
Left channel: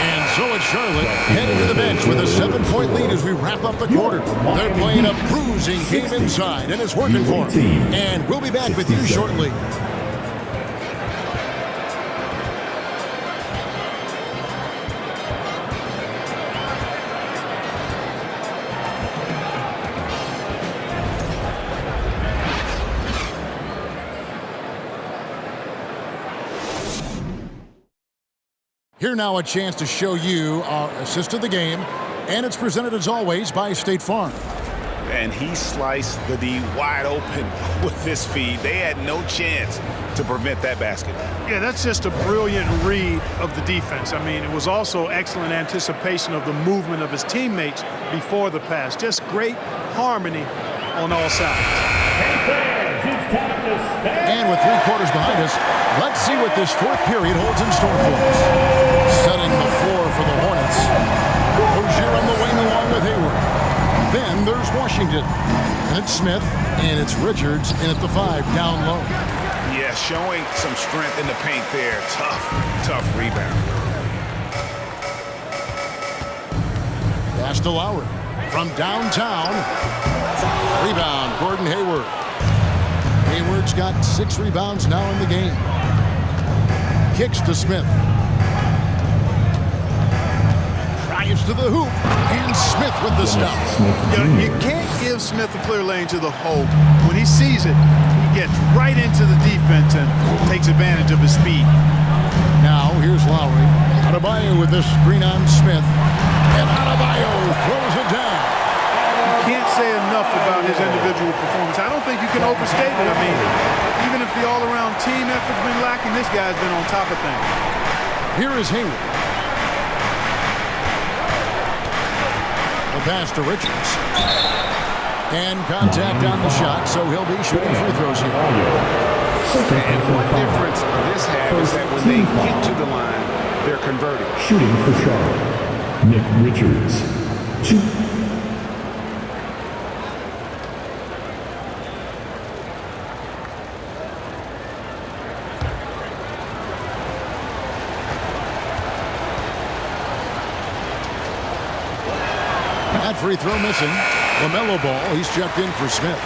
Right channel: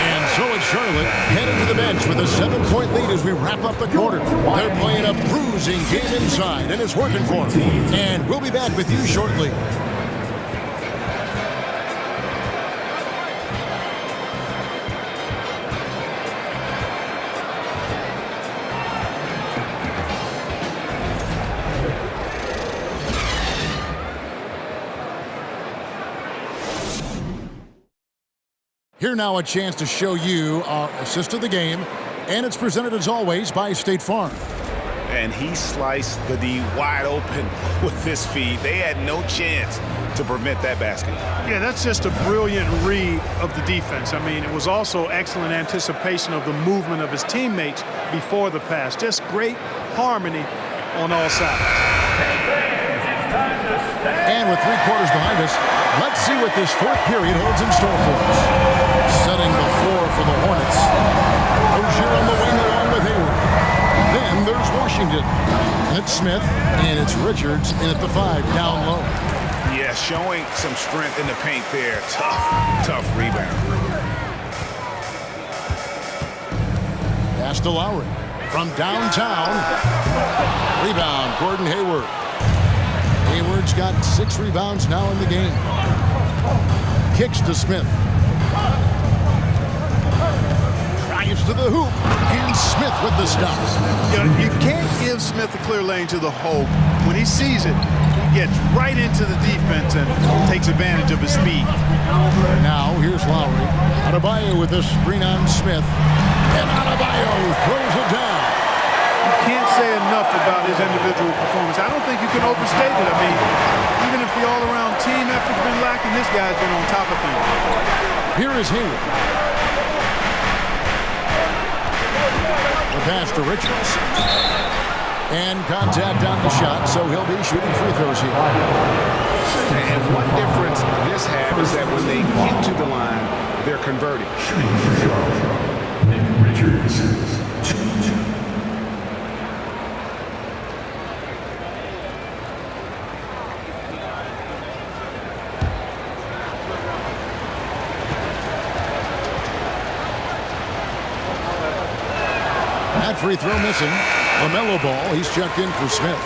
And so it's Charlotte heading to the bench with a 7-point lead as we wrap up the quarter. They're playing a bruising game inside, and it's working for them. And we'll be back with you shortly. Here now a chance to show you our assist of the game, and it's presented as always by State Farm. And he sliced the D wide open with this feed. They had no chance to prevent that basket. Yeah, that's just a brilliant read of the defense. I mean, it was also excellent anticipation of the movement of his teammates before the pass. Just great harmony on all sides. And with 3 quarters behind us, let's see what this 4th period holds in store for us. Setting the floor for the Hornets. Rozier on the wing along with Hayward. Then there's Washington. And it's Smith, and it's Richards in at the 5 down low. Yeah, showing some strength in the paint there. Tough rebound. Pass to Lowry. From downtown. Rebound, Gordon Hayward. Hayward's got 6 rebounds now in the game. Kicks to Smith. Drives to the hoop. And Smith with the stop. You can't give Smith a clear lane to the hole. When he sees it, he gets right into the defense and takes advantage of his speed. Now here's Lowry. Adebayo with this screen on Smith. And Adebayo throws it down. You can't say enough about his individual performance. I don't think you can overstate it. I mean, even if the all-around team effort's been lacking, this guy's been on top of things. Here is Hayward. The pass to Richards. And contact on the shot, so he'll be shooting free throws here. And one difference this has is that when they get to the line, they're converting. Shooting for Charlotte, Nick Richards. Shoot. That free throw missing. LaMelo Ball, he's checked in for Smith.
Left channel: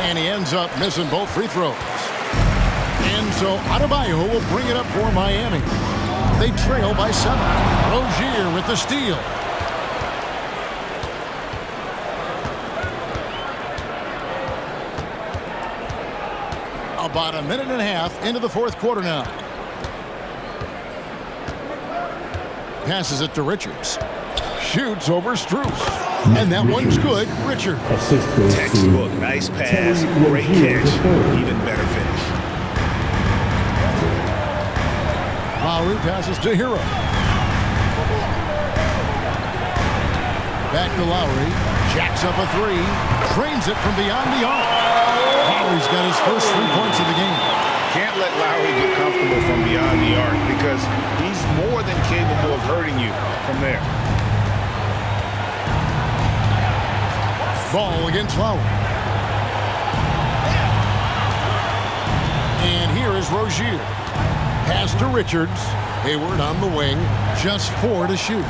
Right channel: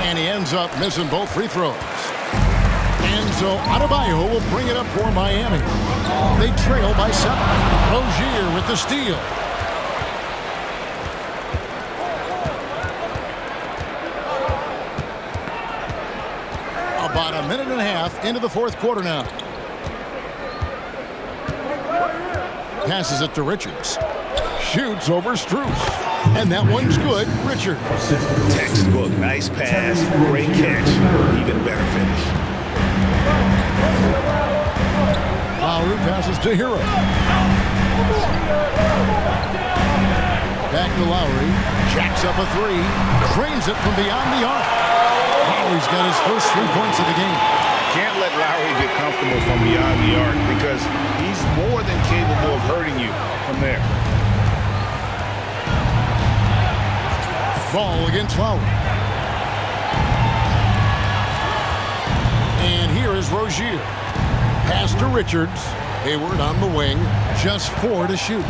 And he ends up missing both free throws. And so Adebayo will bring it up for Miami. They trail by 7. Rozier with the steal. About a minute and a half into the fourth quarter now. Passes it to Richards. Shoots over Strus. And that one's good. Richards. Textbook. Nice pass. Great catch. Even better finish. Lowry passes to Hero. Back to Lowry. Jacks up a 3. Trains it from beyond the arc. Lowry's got his first 3 points of the game. Can't let Lowry get comfortable from beyond the arc because he's more than capable of hurting you from there. Ball against Lowry. And here is Rozier. Pass to Richards. Hayward on the wing. Just 4 to shoot.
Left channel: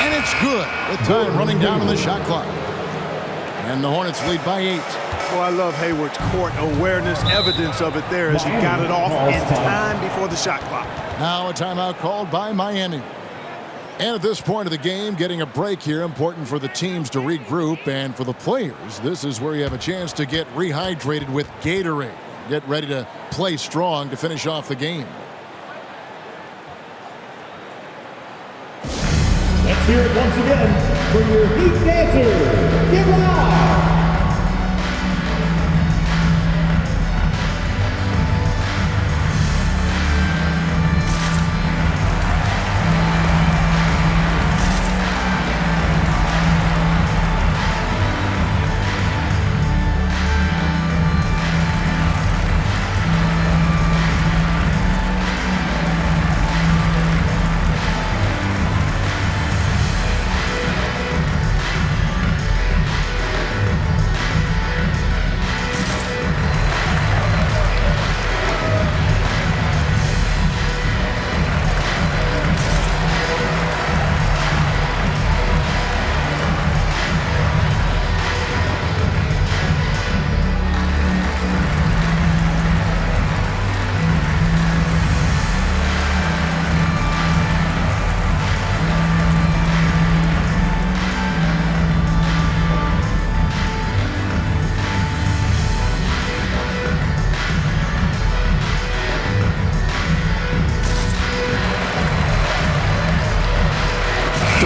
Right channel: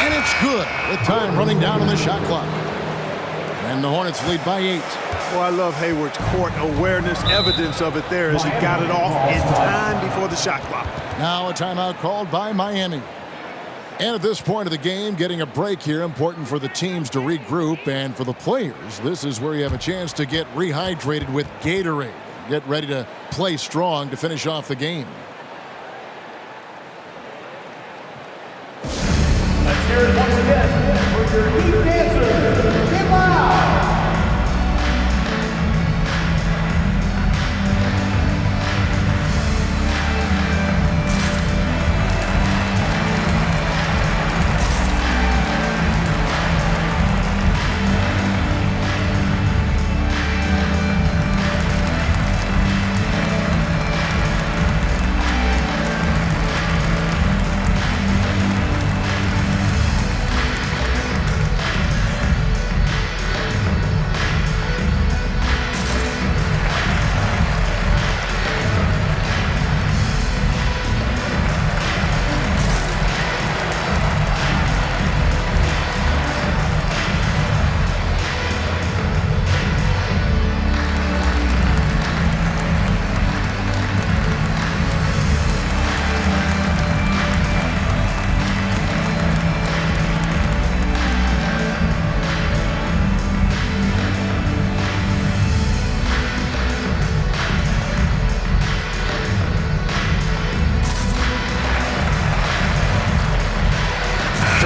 And it's good with time running down on the shot clock. And the Hornets lead by 8. Well, I love Hayward's court awareness, evidence of it there as he got it off in time before the shot clock. Now a timeout called by Miami. And at this point of the game, getting a break here, important for the teams to regroup, and for the players, this is where you have a chance to get rehydrated with Gatorade. Get ready to play strong to finish off the game. Let's hear it once again for your Heat dancers. Get loud!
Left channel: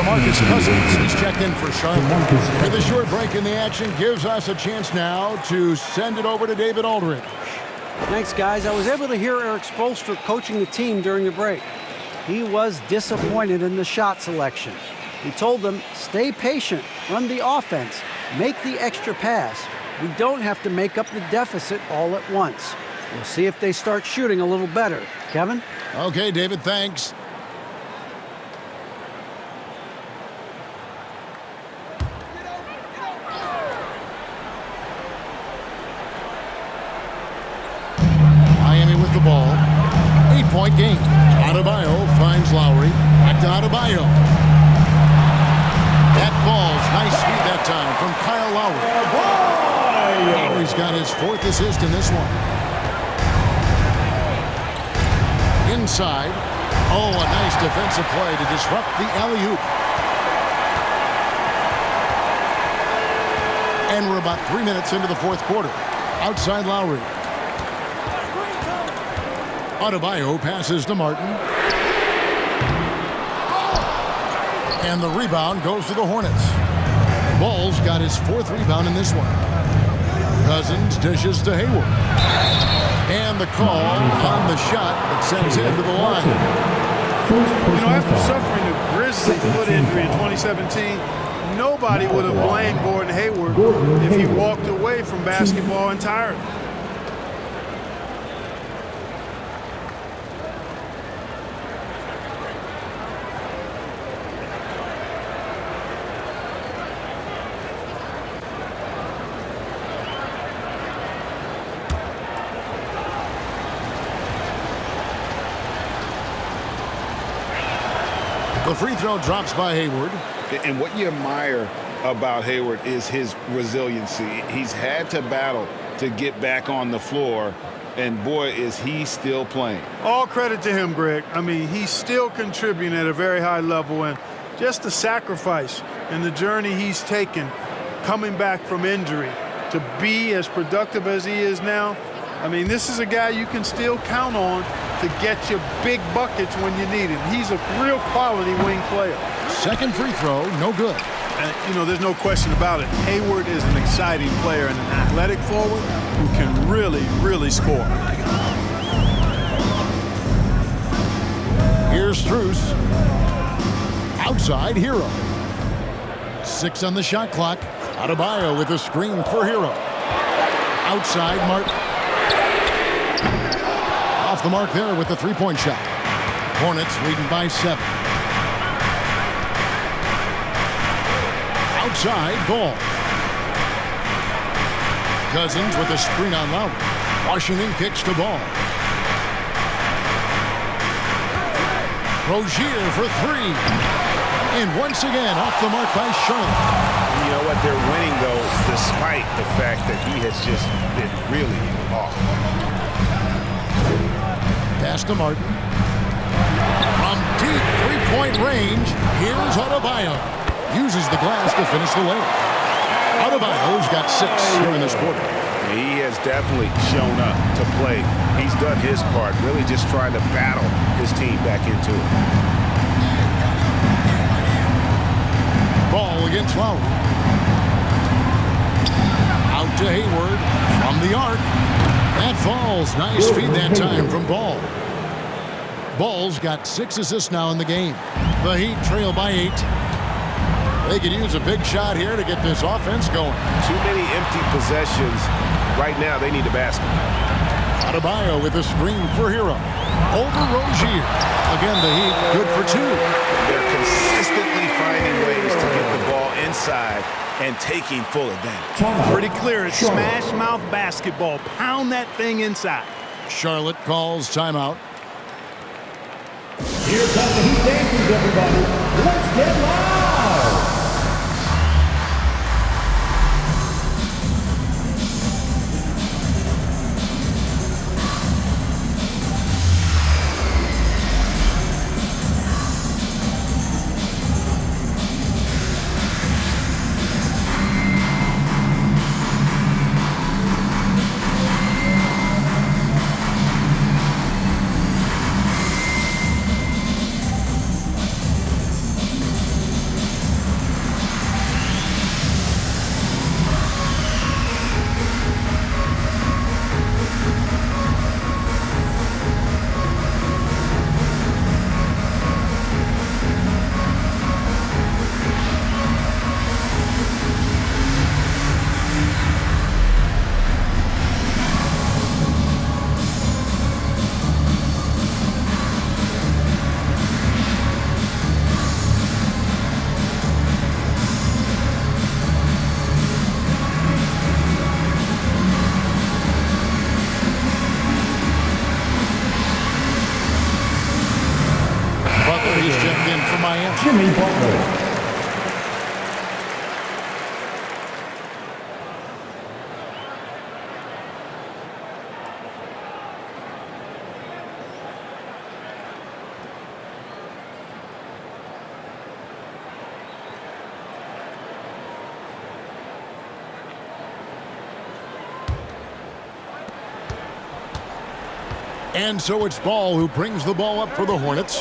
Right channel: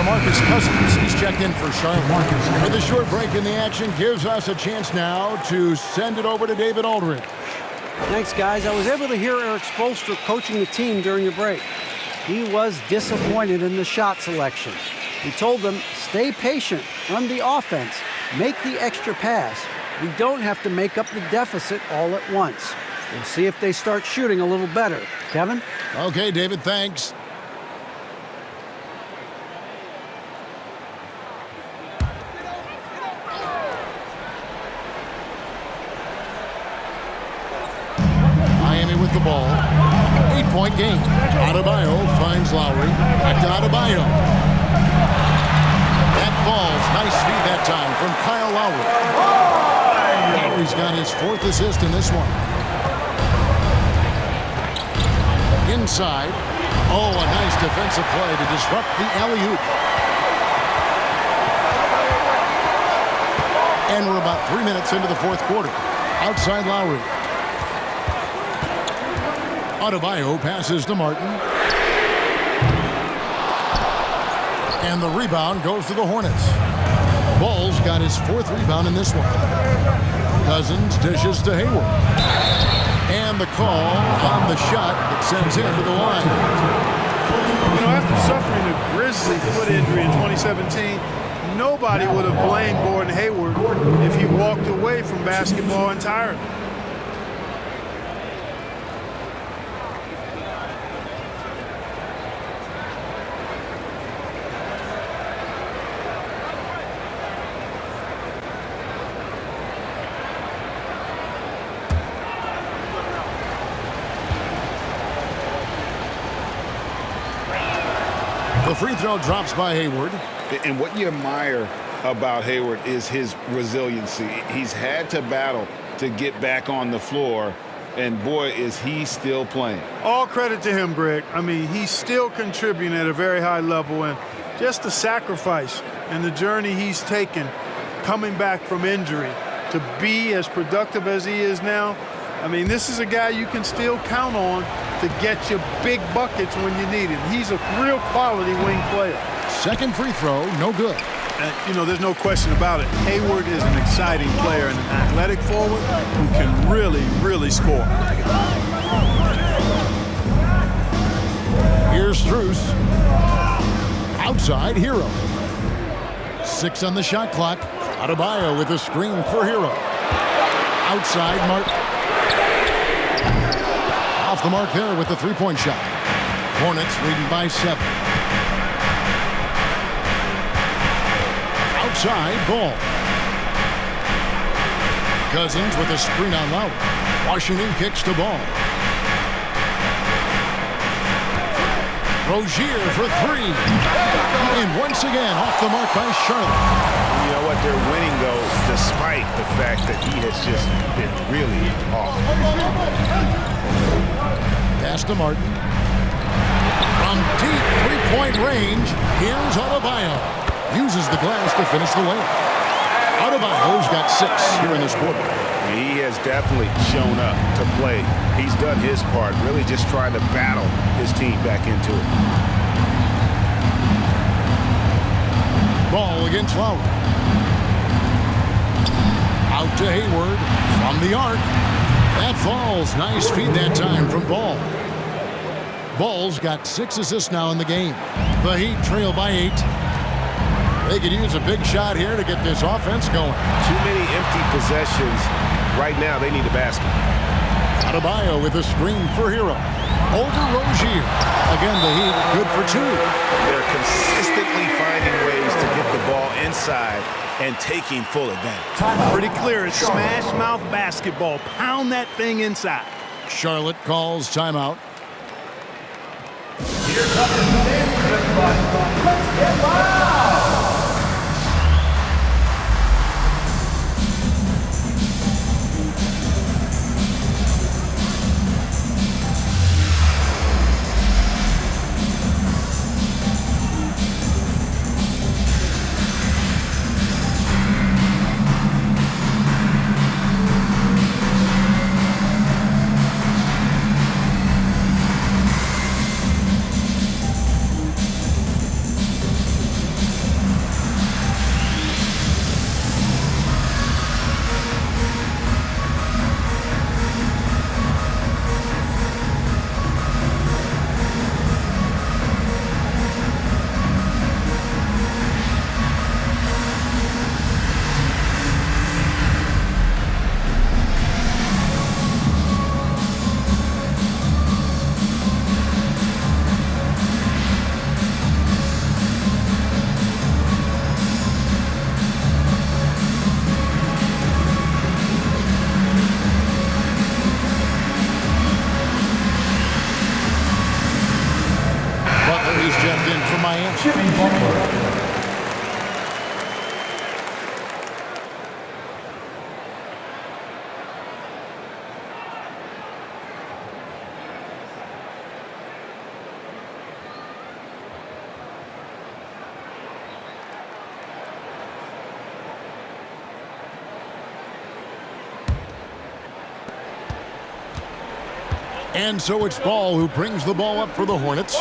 Marcus Cousins, he's checked in for Charlotte. With a short break in the action, gives us a chance now to send it over to David Aldridge. Thanks, guys. I was able to hear Eric Spoelstra coaching the team during the break. He was disappointed in the shot selection. He told them, stay patient, run the offense, make the extra pass. We don't have to make up the deficit all at once. We'll see if they start shooting a little better. Kevin? Okay, David, thanks. Miami with the ball. 8-point game. Adebayo finds Lowry. Back to Adebayo. That falls. Nice feed that time from Kyle Lowry. Lowry's got his 4th assist in this one. Inside. Oh, a nice defensive play to disrupt the alley-oop. And we're about 3 minutes into the fourth quarter. Outside Lowry. Adebayo passes to Martin. And the rebound goes to the Hornets. Ball's got his 4th rebound in this one. Cousins dishes to Hayward. And the call on the shot that sends him to the line. You know, after suffering a grisly foot injury in 2017, nobody would have blamed Gordon Hayward if he walked away from basketball entirely. The free throw drops by Hayward. And what you admire about Hayward is his resiliency. He's had to battle to get back on the floor, and boy, is he still playing. All credit to him, Greg. I mean, he's still contributing at a very high level, and just the sacrifice and the journey he's taken coming back from injury to be as productive as he is now. I mean, this is a guy you can still count on to get you big buckets when you need him. He's a real quality wing player. Second free throw, no good. You know, there's no question about it. Hayward is an exciting player and an athletic forward who can really, really score. Here's Strus. Outside, Hero. 6 on the shot clock. Adebayo with a screen for Hero. Outside, Martin. Off the mark there with the three-point shot. Hornets leading by 7. Outside, Ball. Cousins with a screen on Lowry. Washington kicks to Ball. Rozier for 3. And once again, off the mark by Charlotte. You know what? They're winning, though, despite the fact that he has just been really off. Pass to Martin. From deep three-point range, here's Adebayo. Uses the glass to finish the layup. Adebayo's got 6 here in this quarter. He has definitely shown up to play. He's done his part, really just trying to battle his team back into it. Ball against Lowry. Out to Hayward from the arc. That falls. Nice feed that time from Ball. Ball's got 6 assists now in the game. The Heat trail by 8. They could use a big shot here to get this offense going. Too many empty possessions. Right now, they need a basket. Adebayo with a screen for Hero. Over Rozier. Again, the Heat good for 2. They're consistently finding ways to get the ball inside and taking full advantage. Pretty clear. It's smash mouth basketball. Pound that thing inside. Charlotte calls timeout. Here comes the Heat dancers, everybody. Let's get loud. Butler, he's checked in from Miami. Jimmy Butler. And so it's Ball who brings the ball up for the Hornets.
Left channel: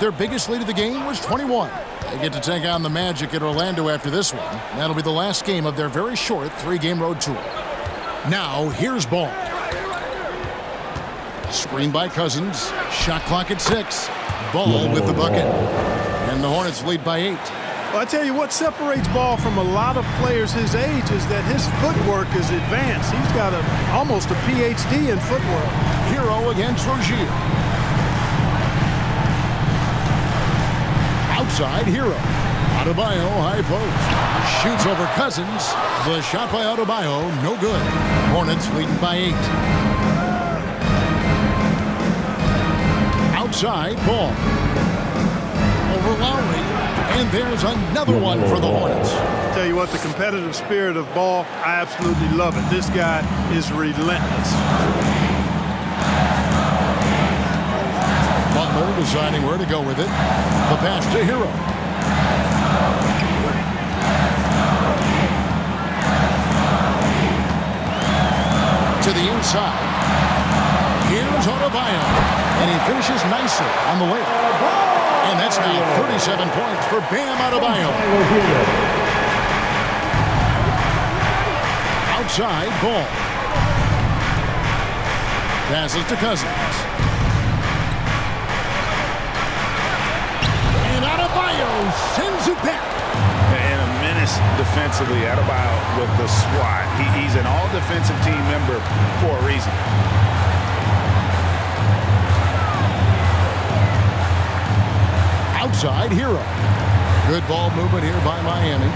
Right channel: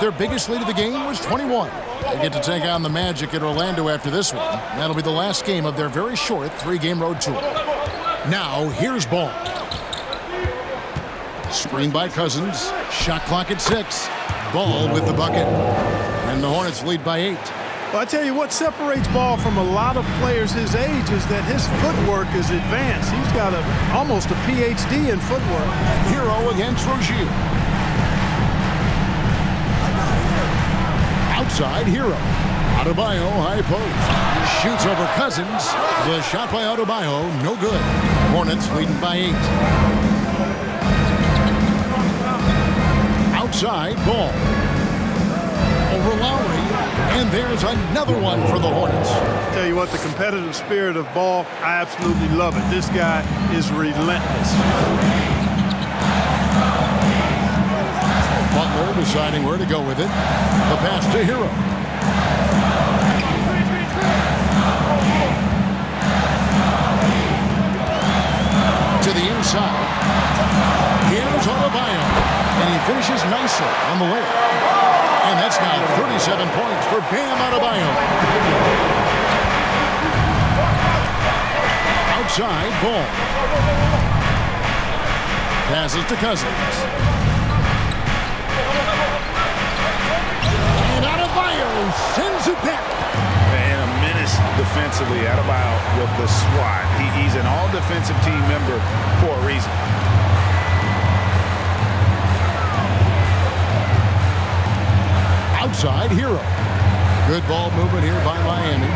Their biggest lead of the game was 21. They get to take on the Magic at Orlando after this one. That'll be the last game of their very short 3-game road tour. Now, here's ball. Screen by Cousins. Shot clock at 6. Ball with the bucket. And the Hornets lead by 8. Well, I tell you what separates Ball from a lot of players his age is that his footwork is advanced. He's got almost a PhD in footwork. Hero against Rozier. Outside, Hero. Adebayo, high post. Shoots over Cousins. The shot by Adebayo, no good. Hornets leading by 8. Outside, Ball. Over Lowry. And there's another one for the Hornets. Tell you what, the competitive spirit of Ball, I absolutely love it. This guy is relentless. Butler deciding where to go with it. The pass to Hero. To the inside. Here's Adebayo. And he finishes nicely on the layup. And that's now 37 points for Bam Adebayo. Outside, Ball. Passes to Cousins. And Adebayo sends it back. And a menace defensively. Adebayo with the swat. He's an all-defensive team member for a reason. Outside, Hero. Good ball movement here by Miami.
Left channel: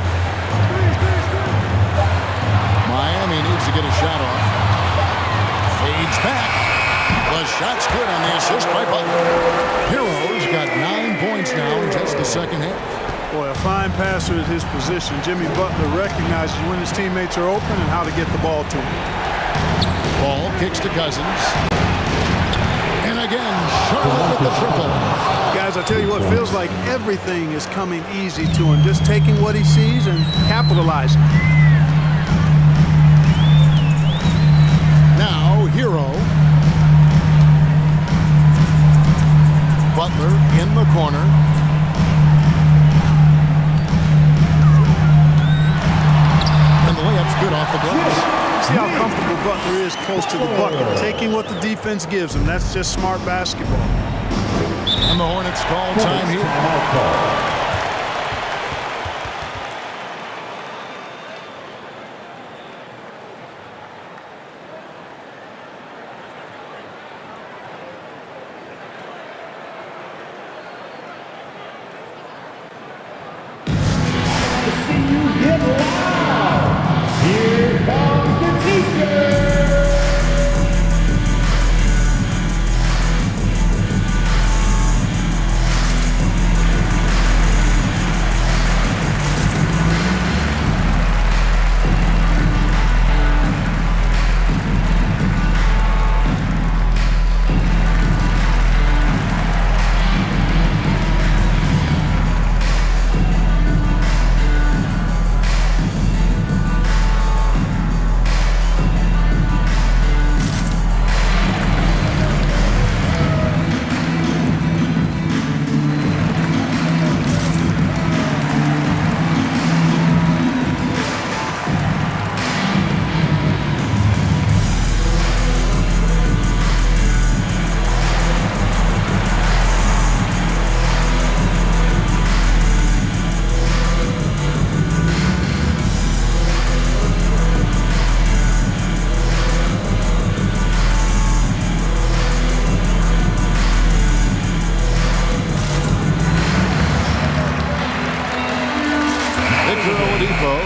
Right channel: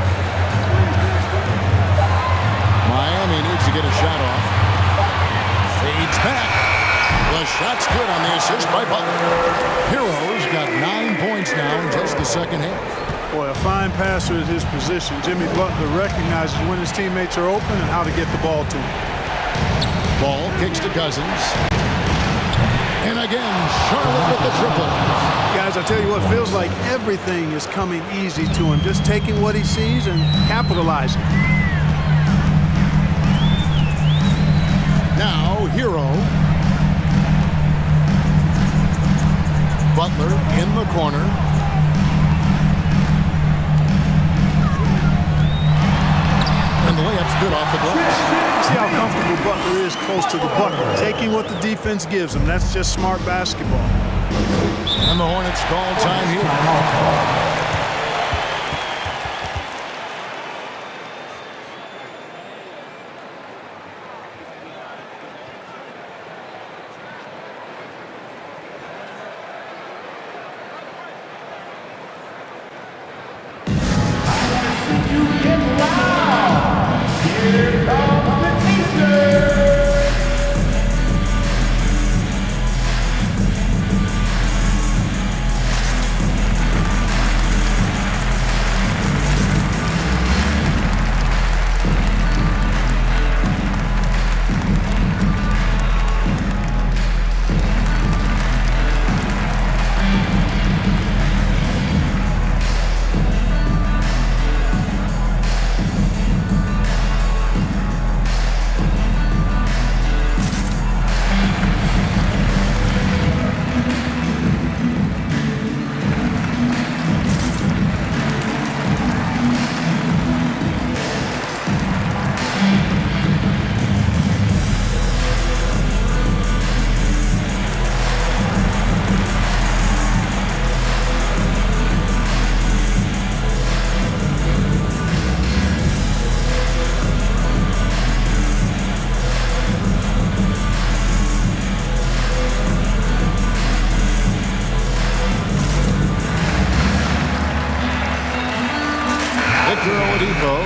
Miami needs to get a shot off. Fades back. The shot's good on the assist by Butler. Hero's got 9 points now in just the second half. Boy, a fine passer at his position. Jimmy Butler recognizes when his teammates are open and how to get the ball to him. Ball kicks to Cousins. And again, Charlotte with the triple. Guys, I tell you what, feels like everything is coming easy to him. Just taking what he sees and capitalizing. Now, Hero. Butler in the corner. And the layup's good off the glass. See how comfortable Butler is close to the bucket. Taking what the defense gives him. That's just smart basketball. And the Hornets call time here.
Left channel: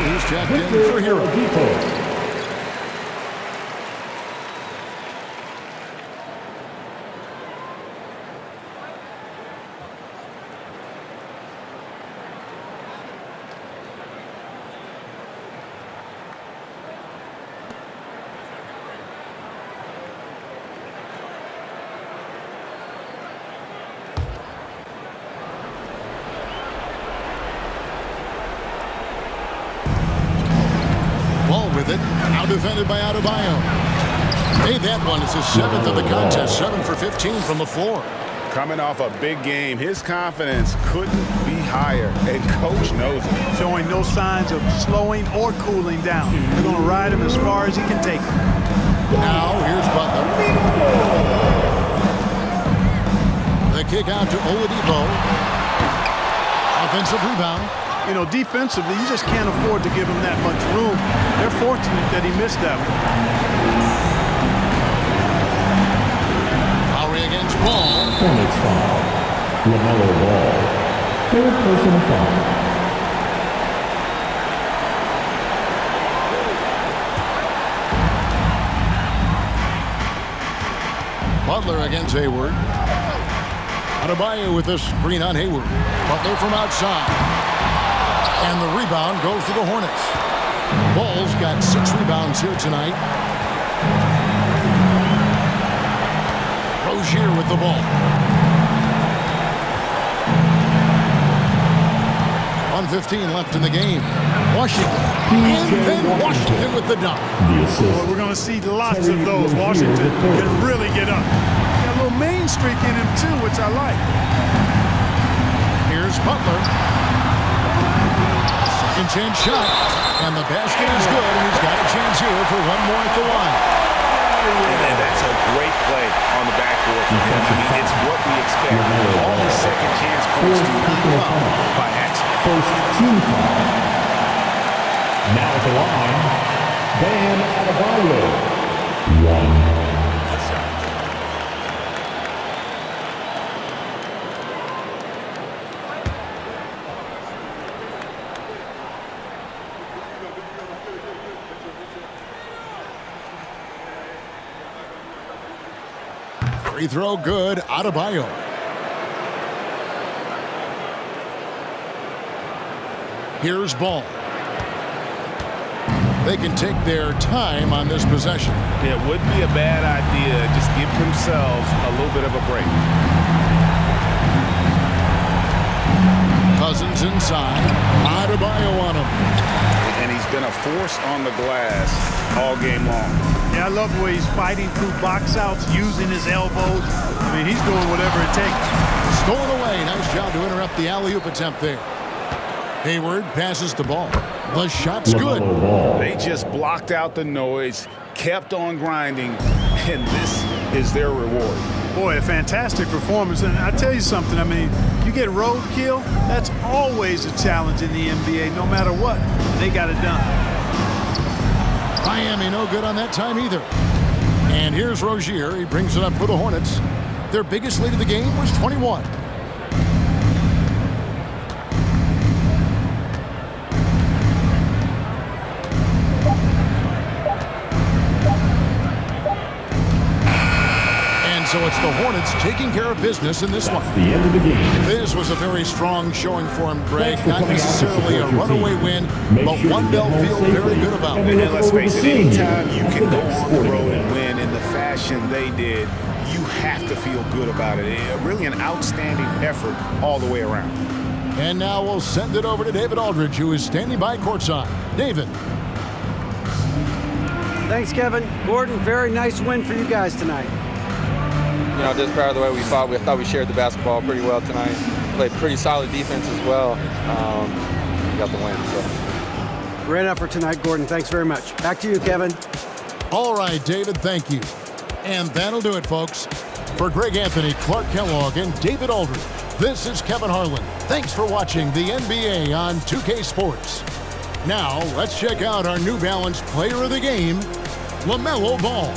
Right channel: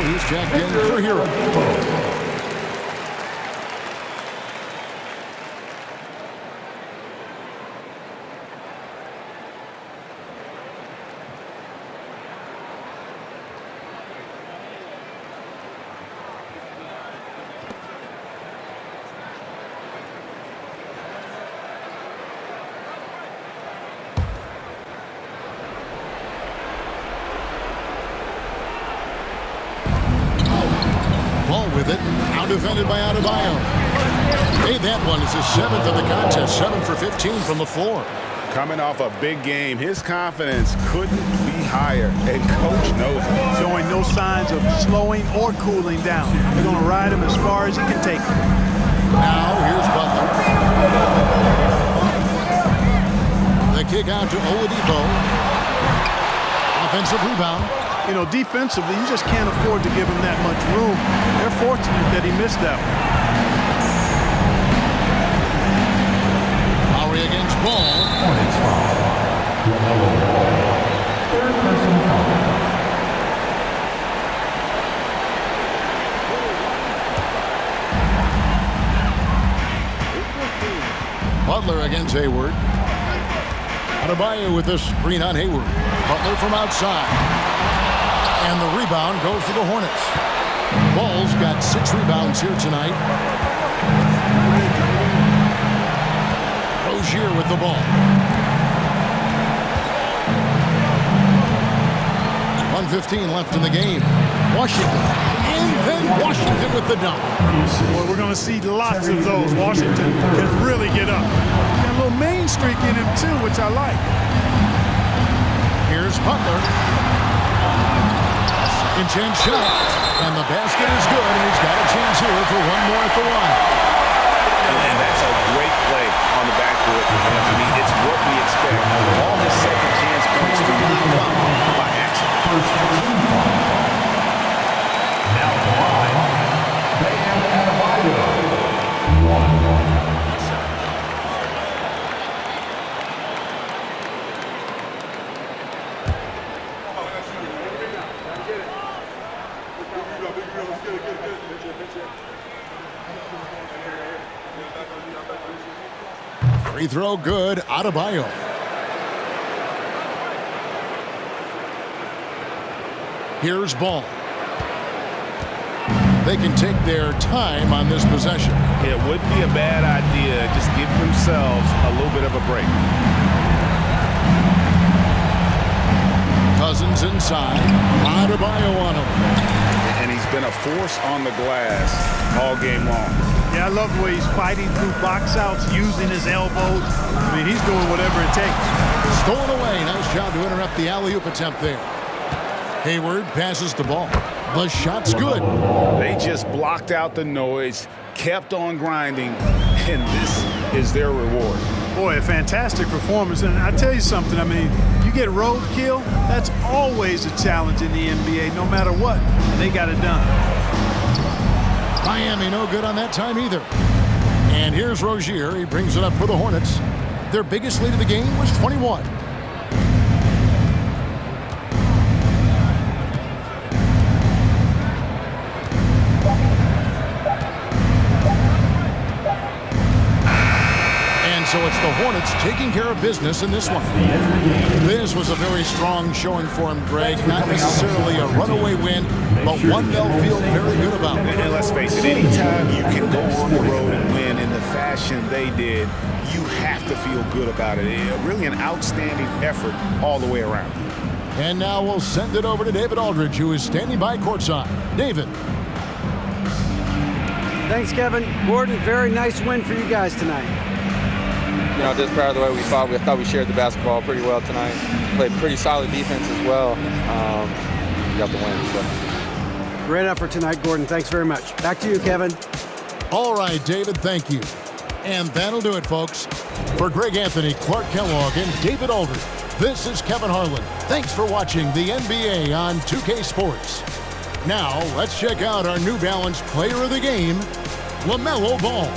He's checked in for Hero. Ball with it. Now defended by Adebayo. Made that one. It's his 7th of the contest. 7 for 15 from the floor. coming off a big game. His confidence couldn't be higher, and Coach knows it. Showing no signs of slowing or cooling down. They're going to ride him as far as he can take him. Now here's Butler. The kick out to Oladipo. Offensive rebound. You know, defensively, you just can't afford to give him that much room. They're fortunate that he missed that one. Lowry against Ball. Hornets foul. LaMelo Ball. Third personal foul. Butler against Hayward. Adebayo with a screen on Hayward. Butler from outside. And the rebound goes to the Hornets. Ball's got 6 rebounds here tonight. Rozier with the ball. 1:15 left in the game. Washington. And then Washington with the dunk. Boy, we're going to see lots of those. Washington can really get up. Got a little main streak in him, too, which I like. Here's Butler. Second chance shot. And the basket is good, and he's got a chance here for one more at the line. And that's a great play on the backboard for him. I mean, it's what we expect. All his second chance points do not come by accident. First team foul. Now at the line, Bam Adebayo. 1. Free throw good, Adebayo. Here's Ball. They can take their time on this possession. It wouldn't be a bad idea. Just give themselves a little bit of a break. Cousins inside. Adebayo on him. And he's been a force on the glass all game long. Yeah, I love the way he's fighting through box outs, using his elbows. I mean, he's doing whatever it takes. Stolen away. Nice job to interrupt the alley-oop attempt there. Hayward passes the ball. The shot's good. They just blocked out the noise, kept on grinding, and this is their reward. Boy, a fantastic performance. And I tell you something, I mean, you get roadkill, that's always a challenge in the NBA, no matter what. And they got it done. Miami no good on that time either. And here's Rozier. He brings it up for the Hornets. Their biggest lead of the game was 21. And so it's the Hornets taking care of business in this one. The end of the game. This was a very strong showing for him, Greg. Not necessarily a runaway win, but one they'll feel very good about. And let's face it, anytime you can go on the road and win in the fashion they did, you have to feel good about it. Really an outstanding effort all the way around. And now we'll send it over to David Aldridge, who is standing by courtside. David. Thanks, Kevin. Gordon, very nice win for you guys tonight. You know, just proud of the way we fought. I thought we shared the basketball pretty well tonight. Played pretty solid defense as well. We got the win. So. Great effort tonight, Gordon. Thanks very much. Back to you, Kevin. All right, David, thank you. And that'll do it, folks. For Greg Anthony, Clark Kellogg, and David Aldridge, this is Kevin Harlan. Thanks for watching the NBA on 2K Sports. Now, let's check out our New Balance player of the game, LaMelo Ball.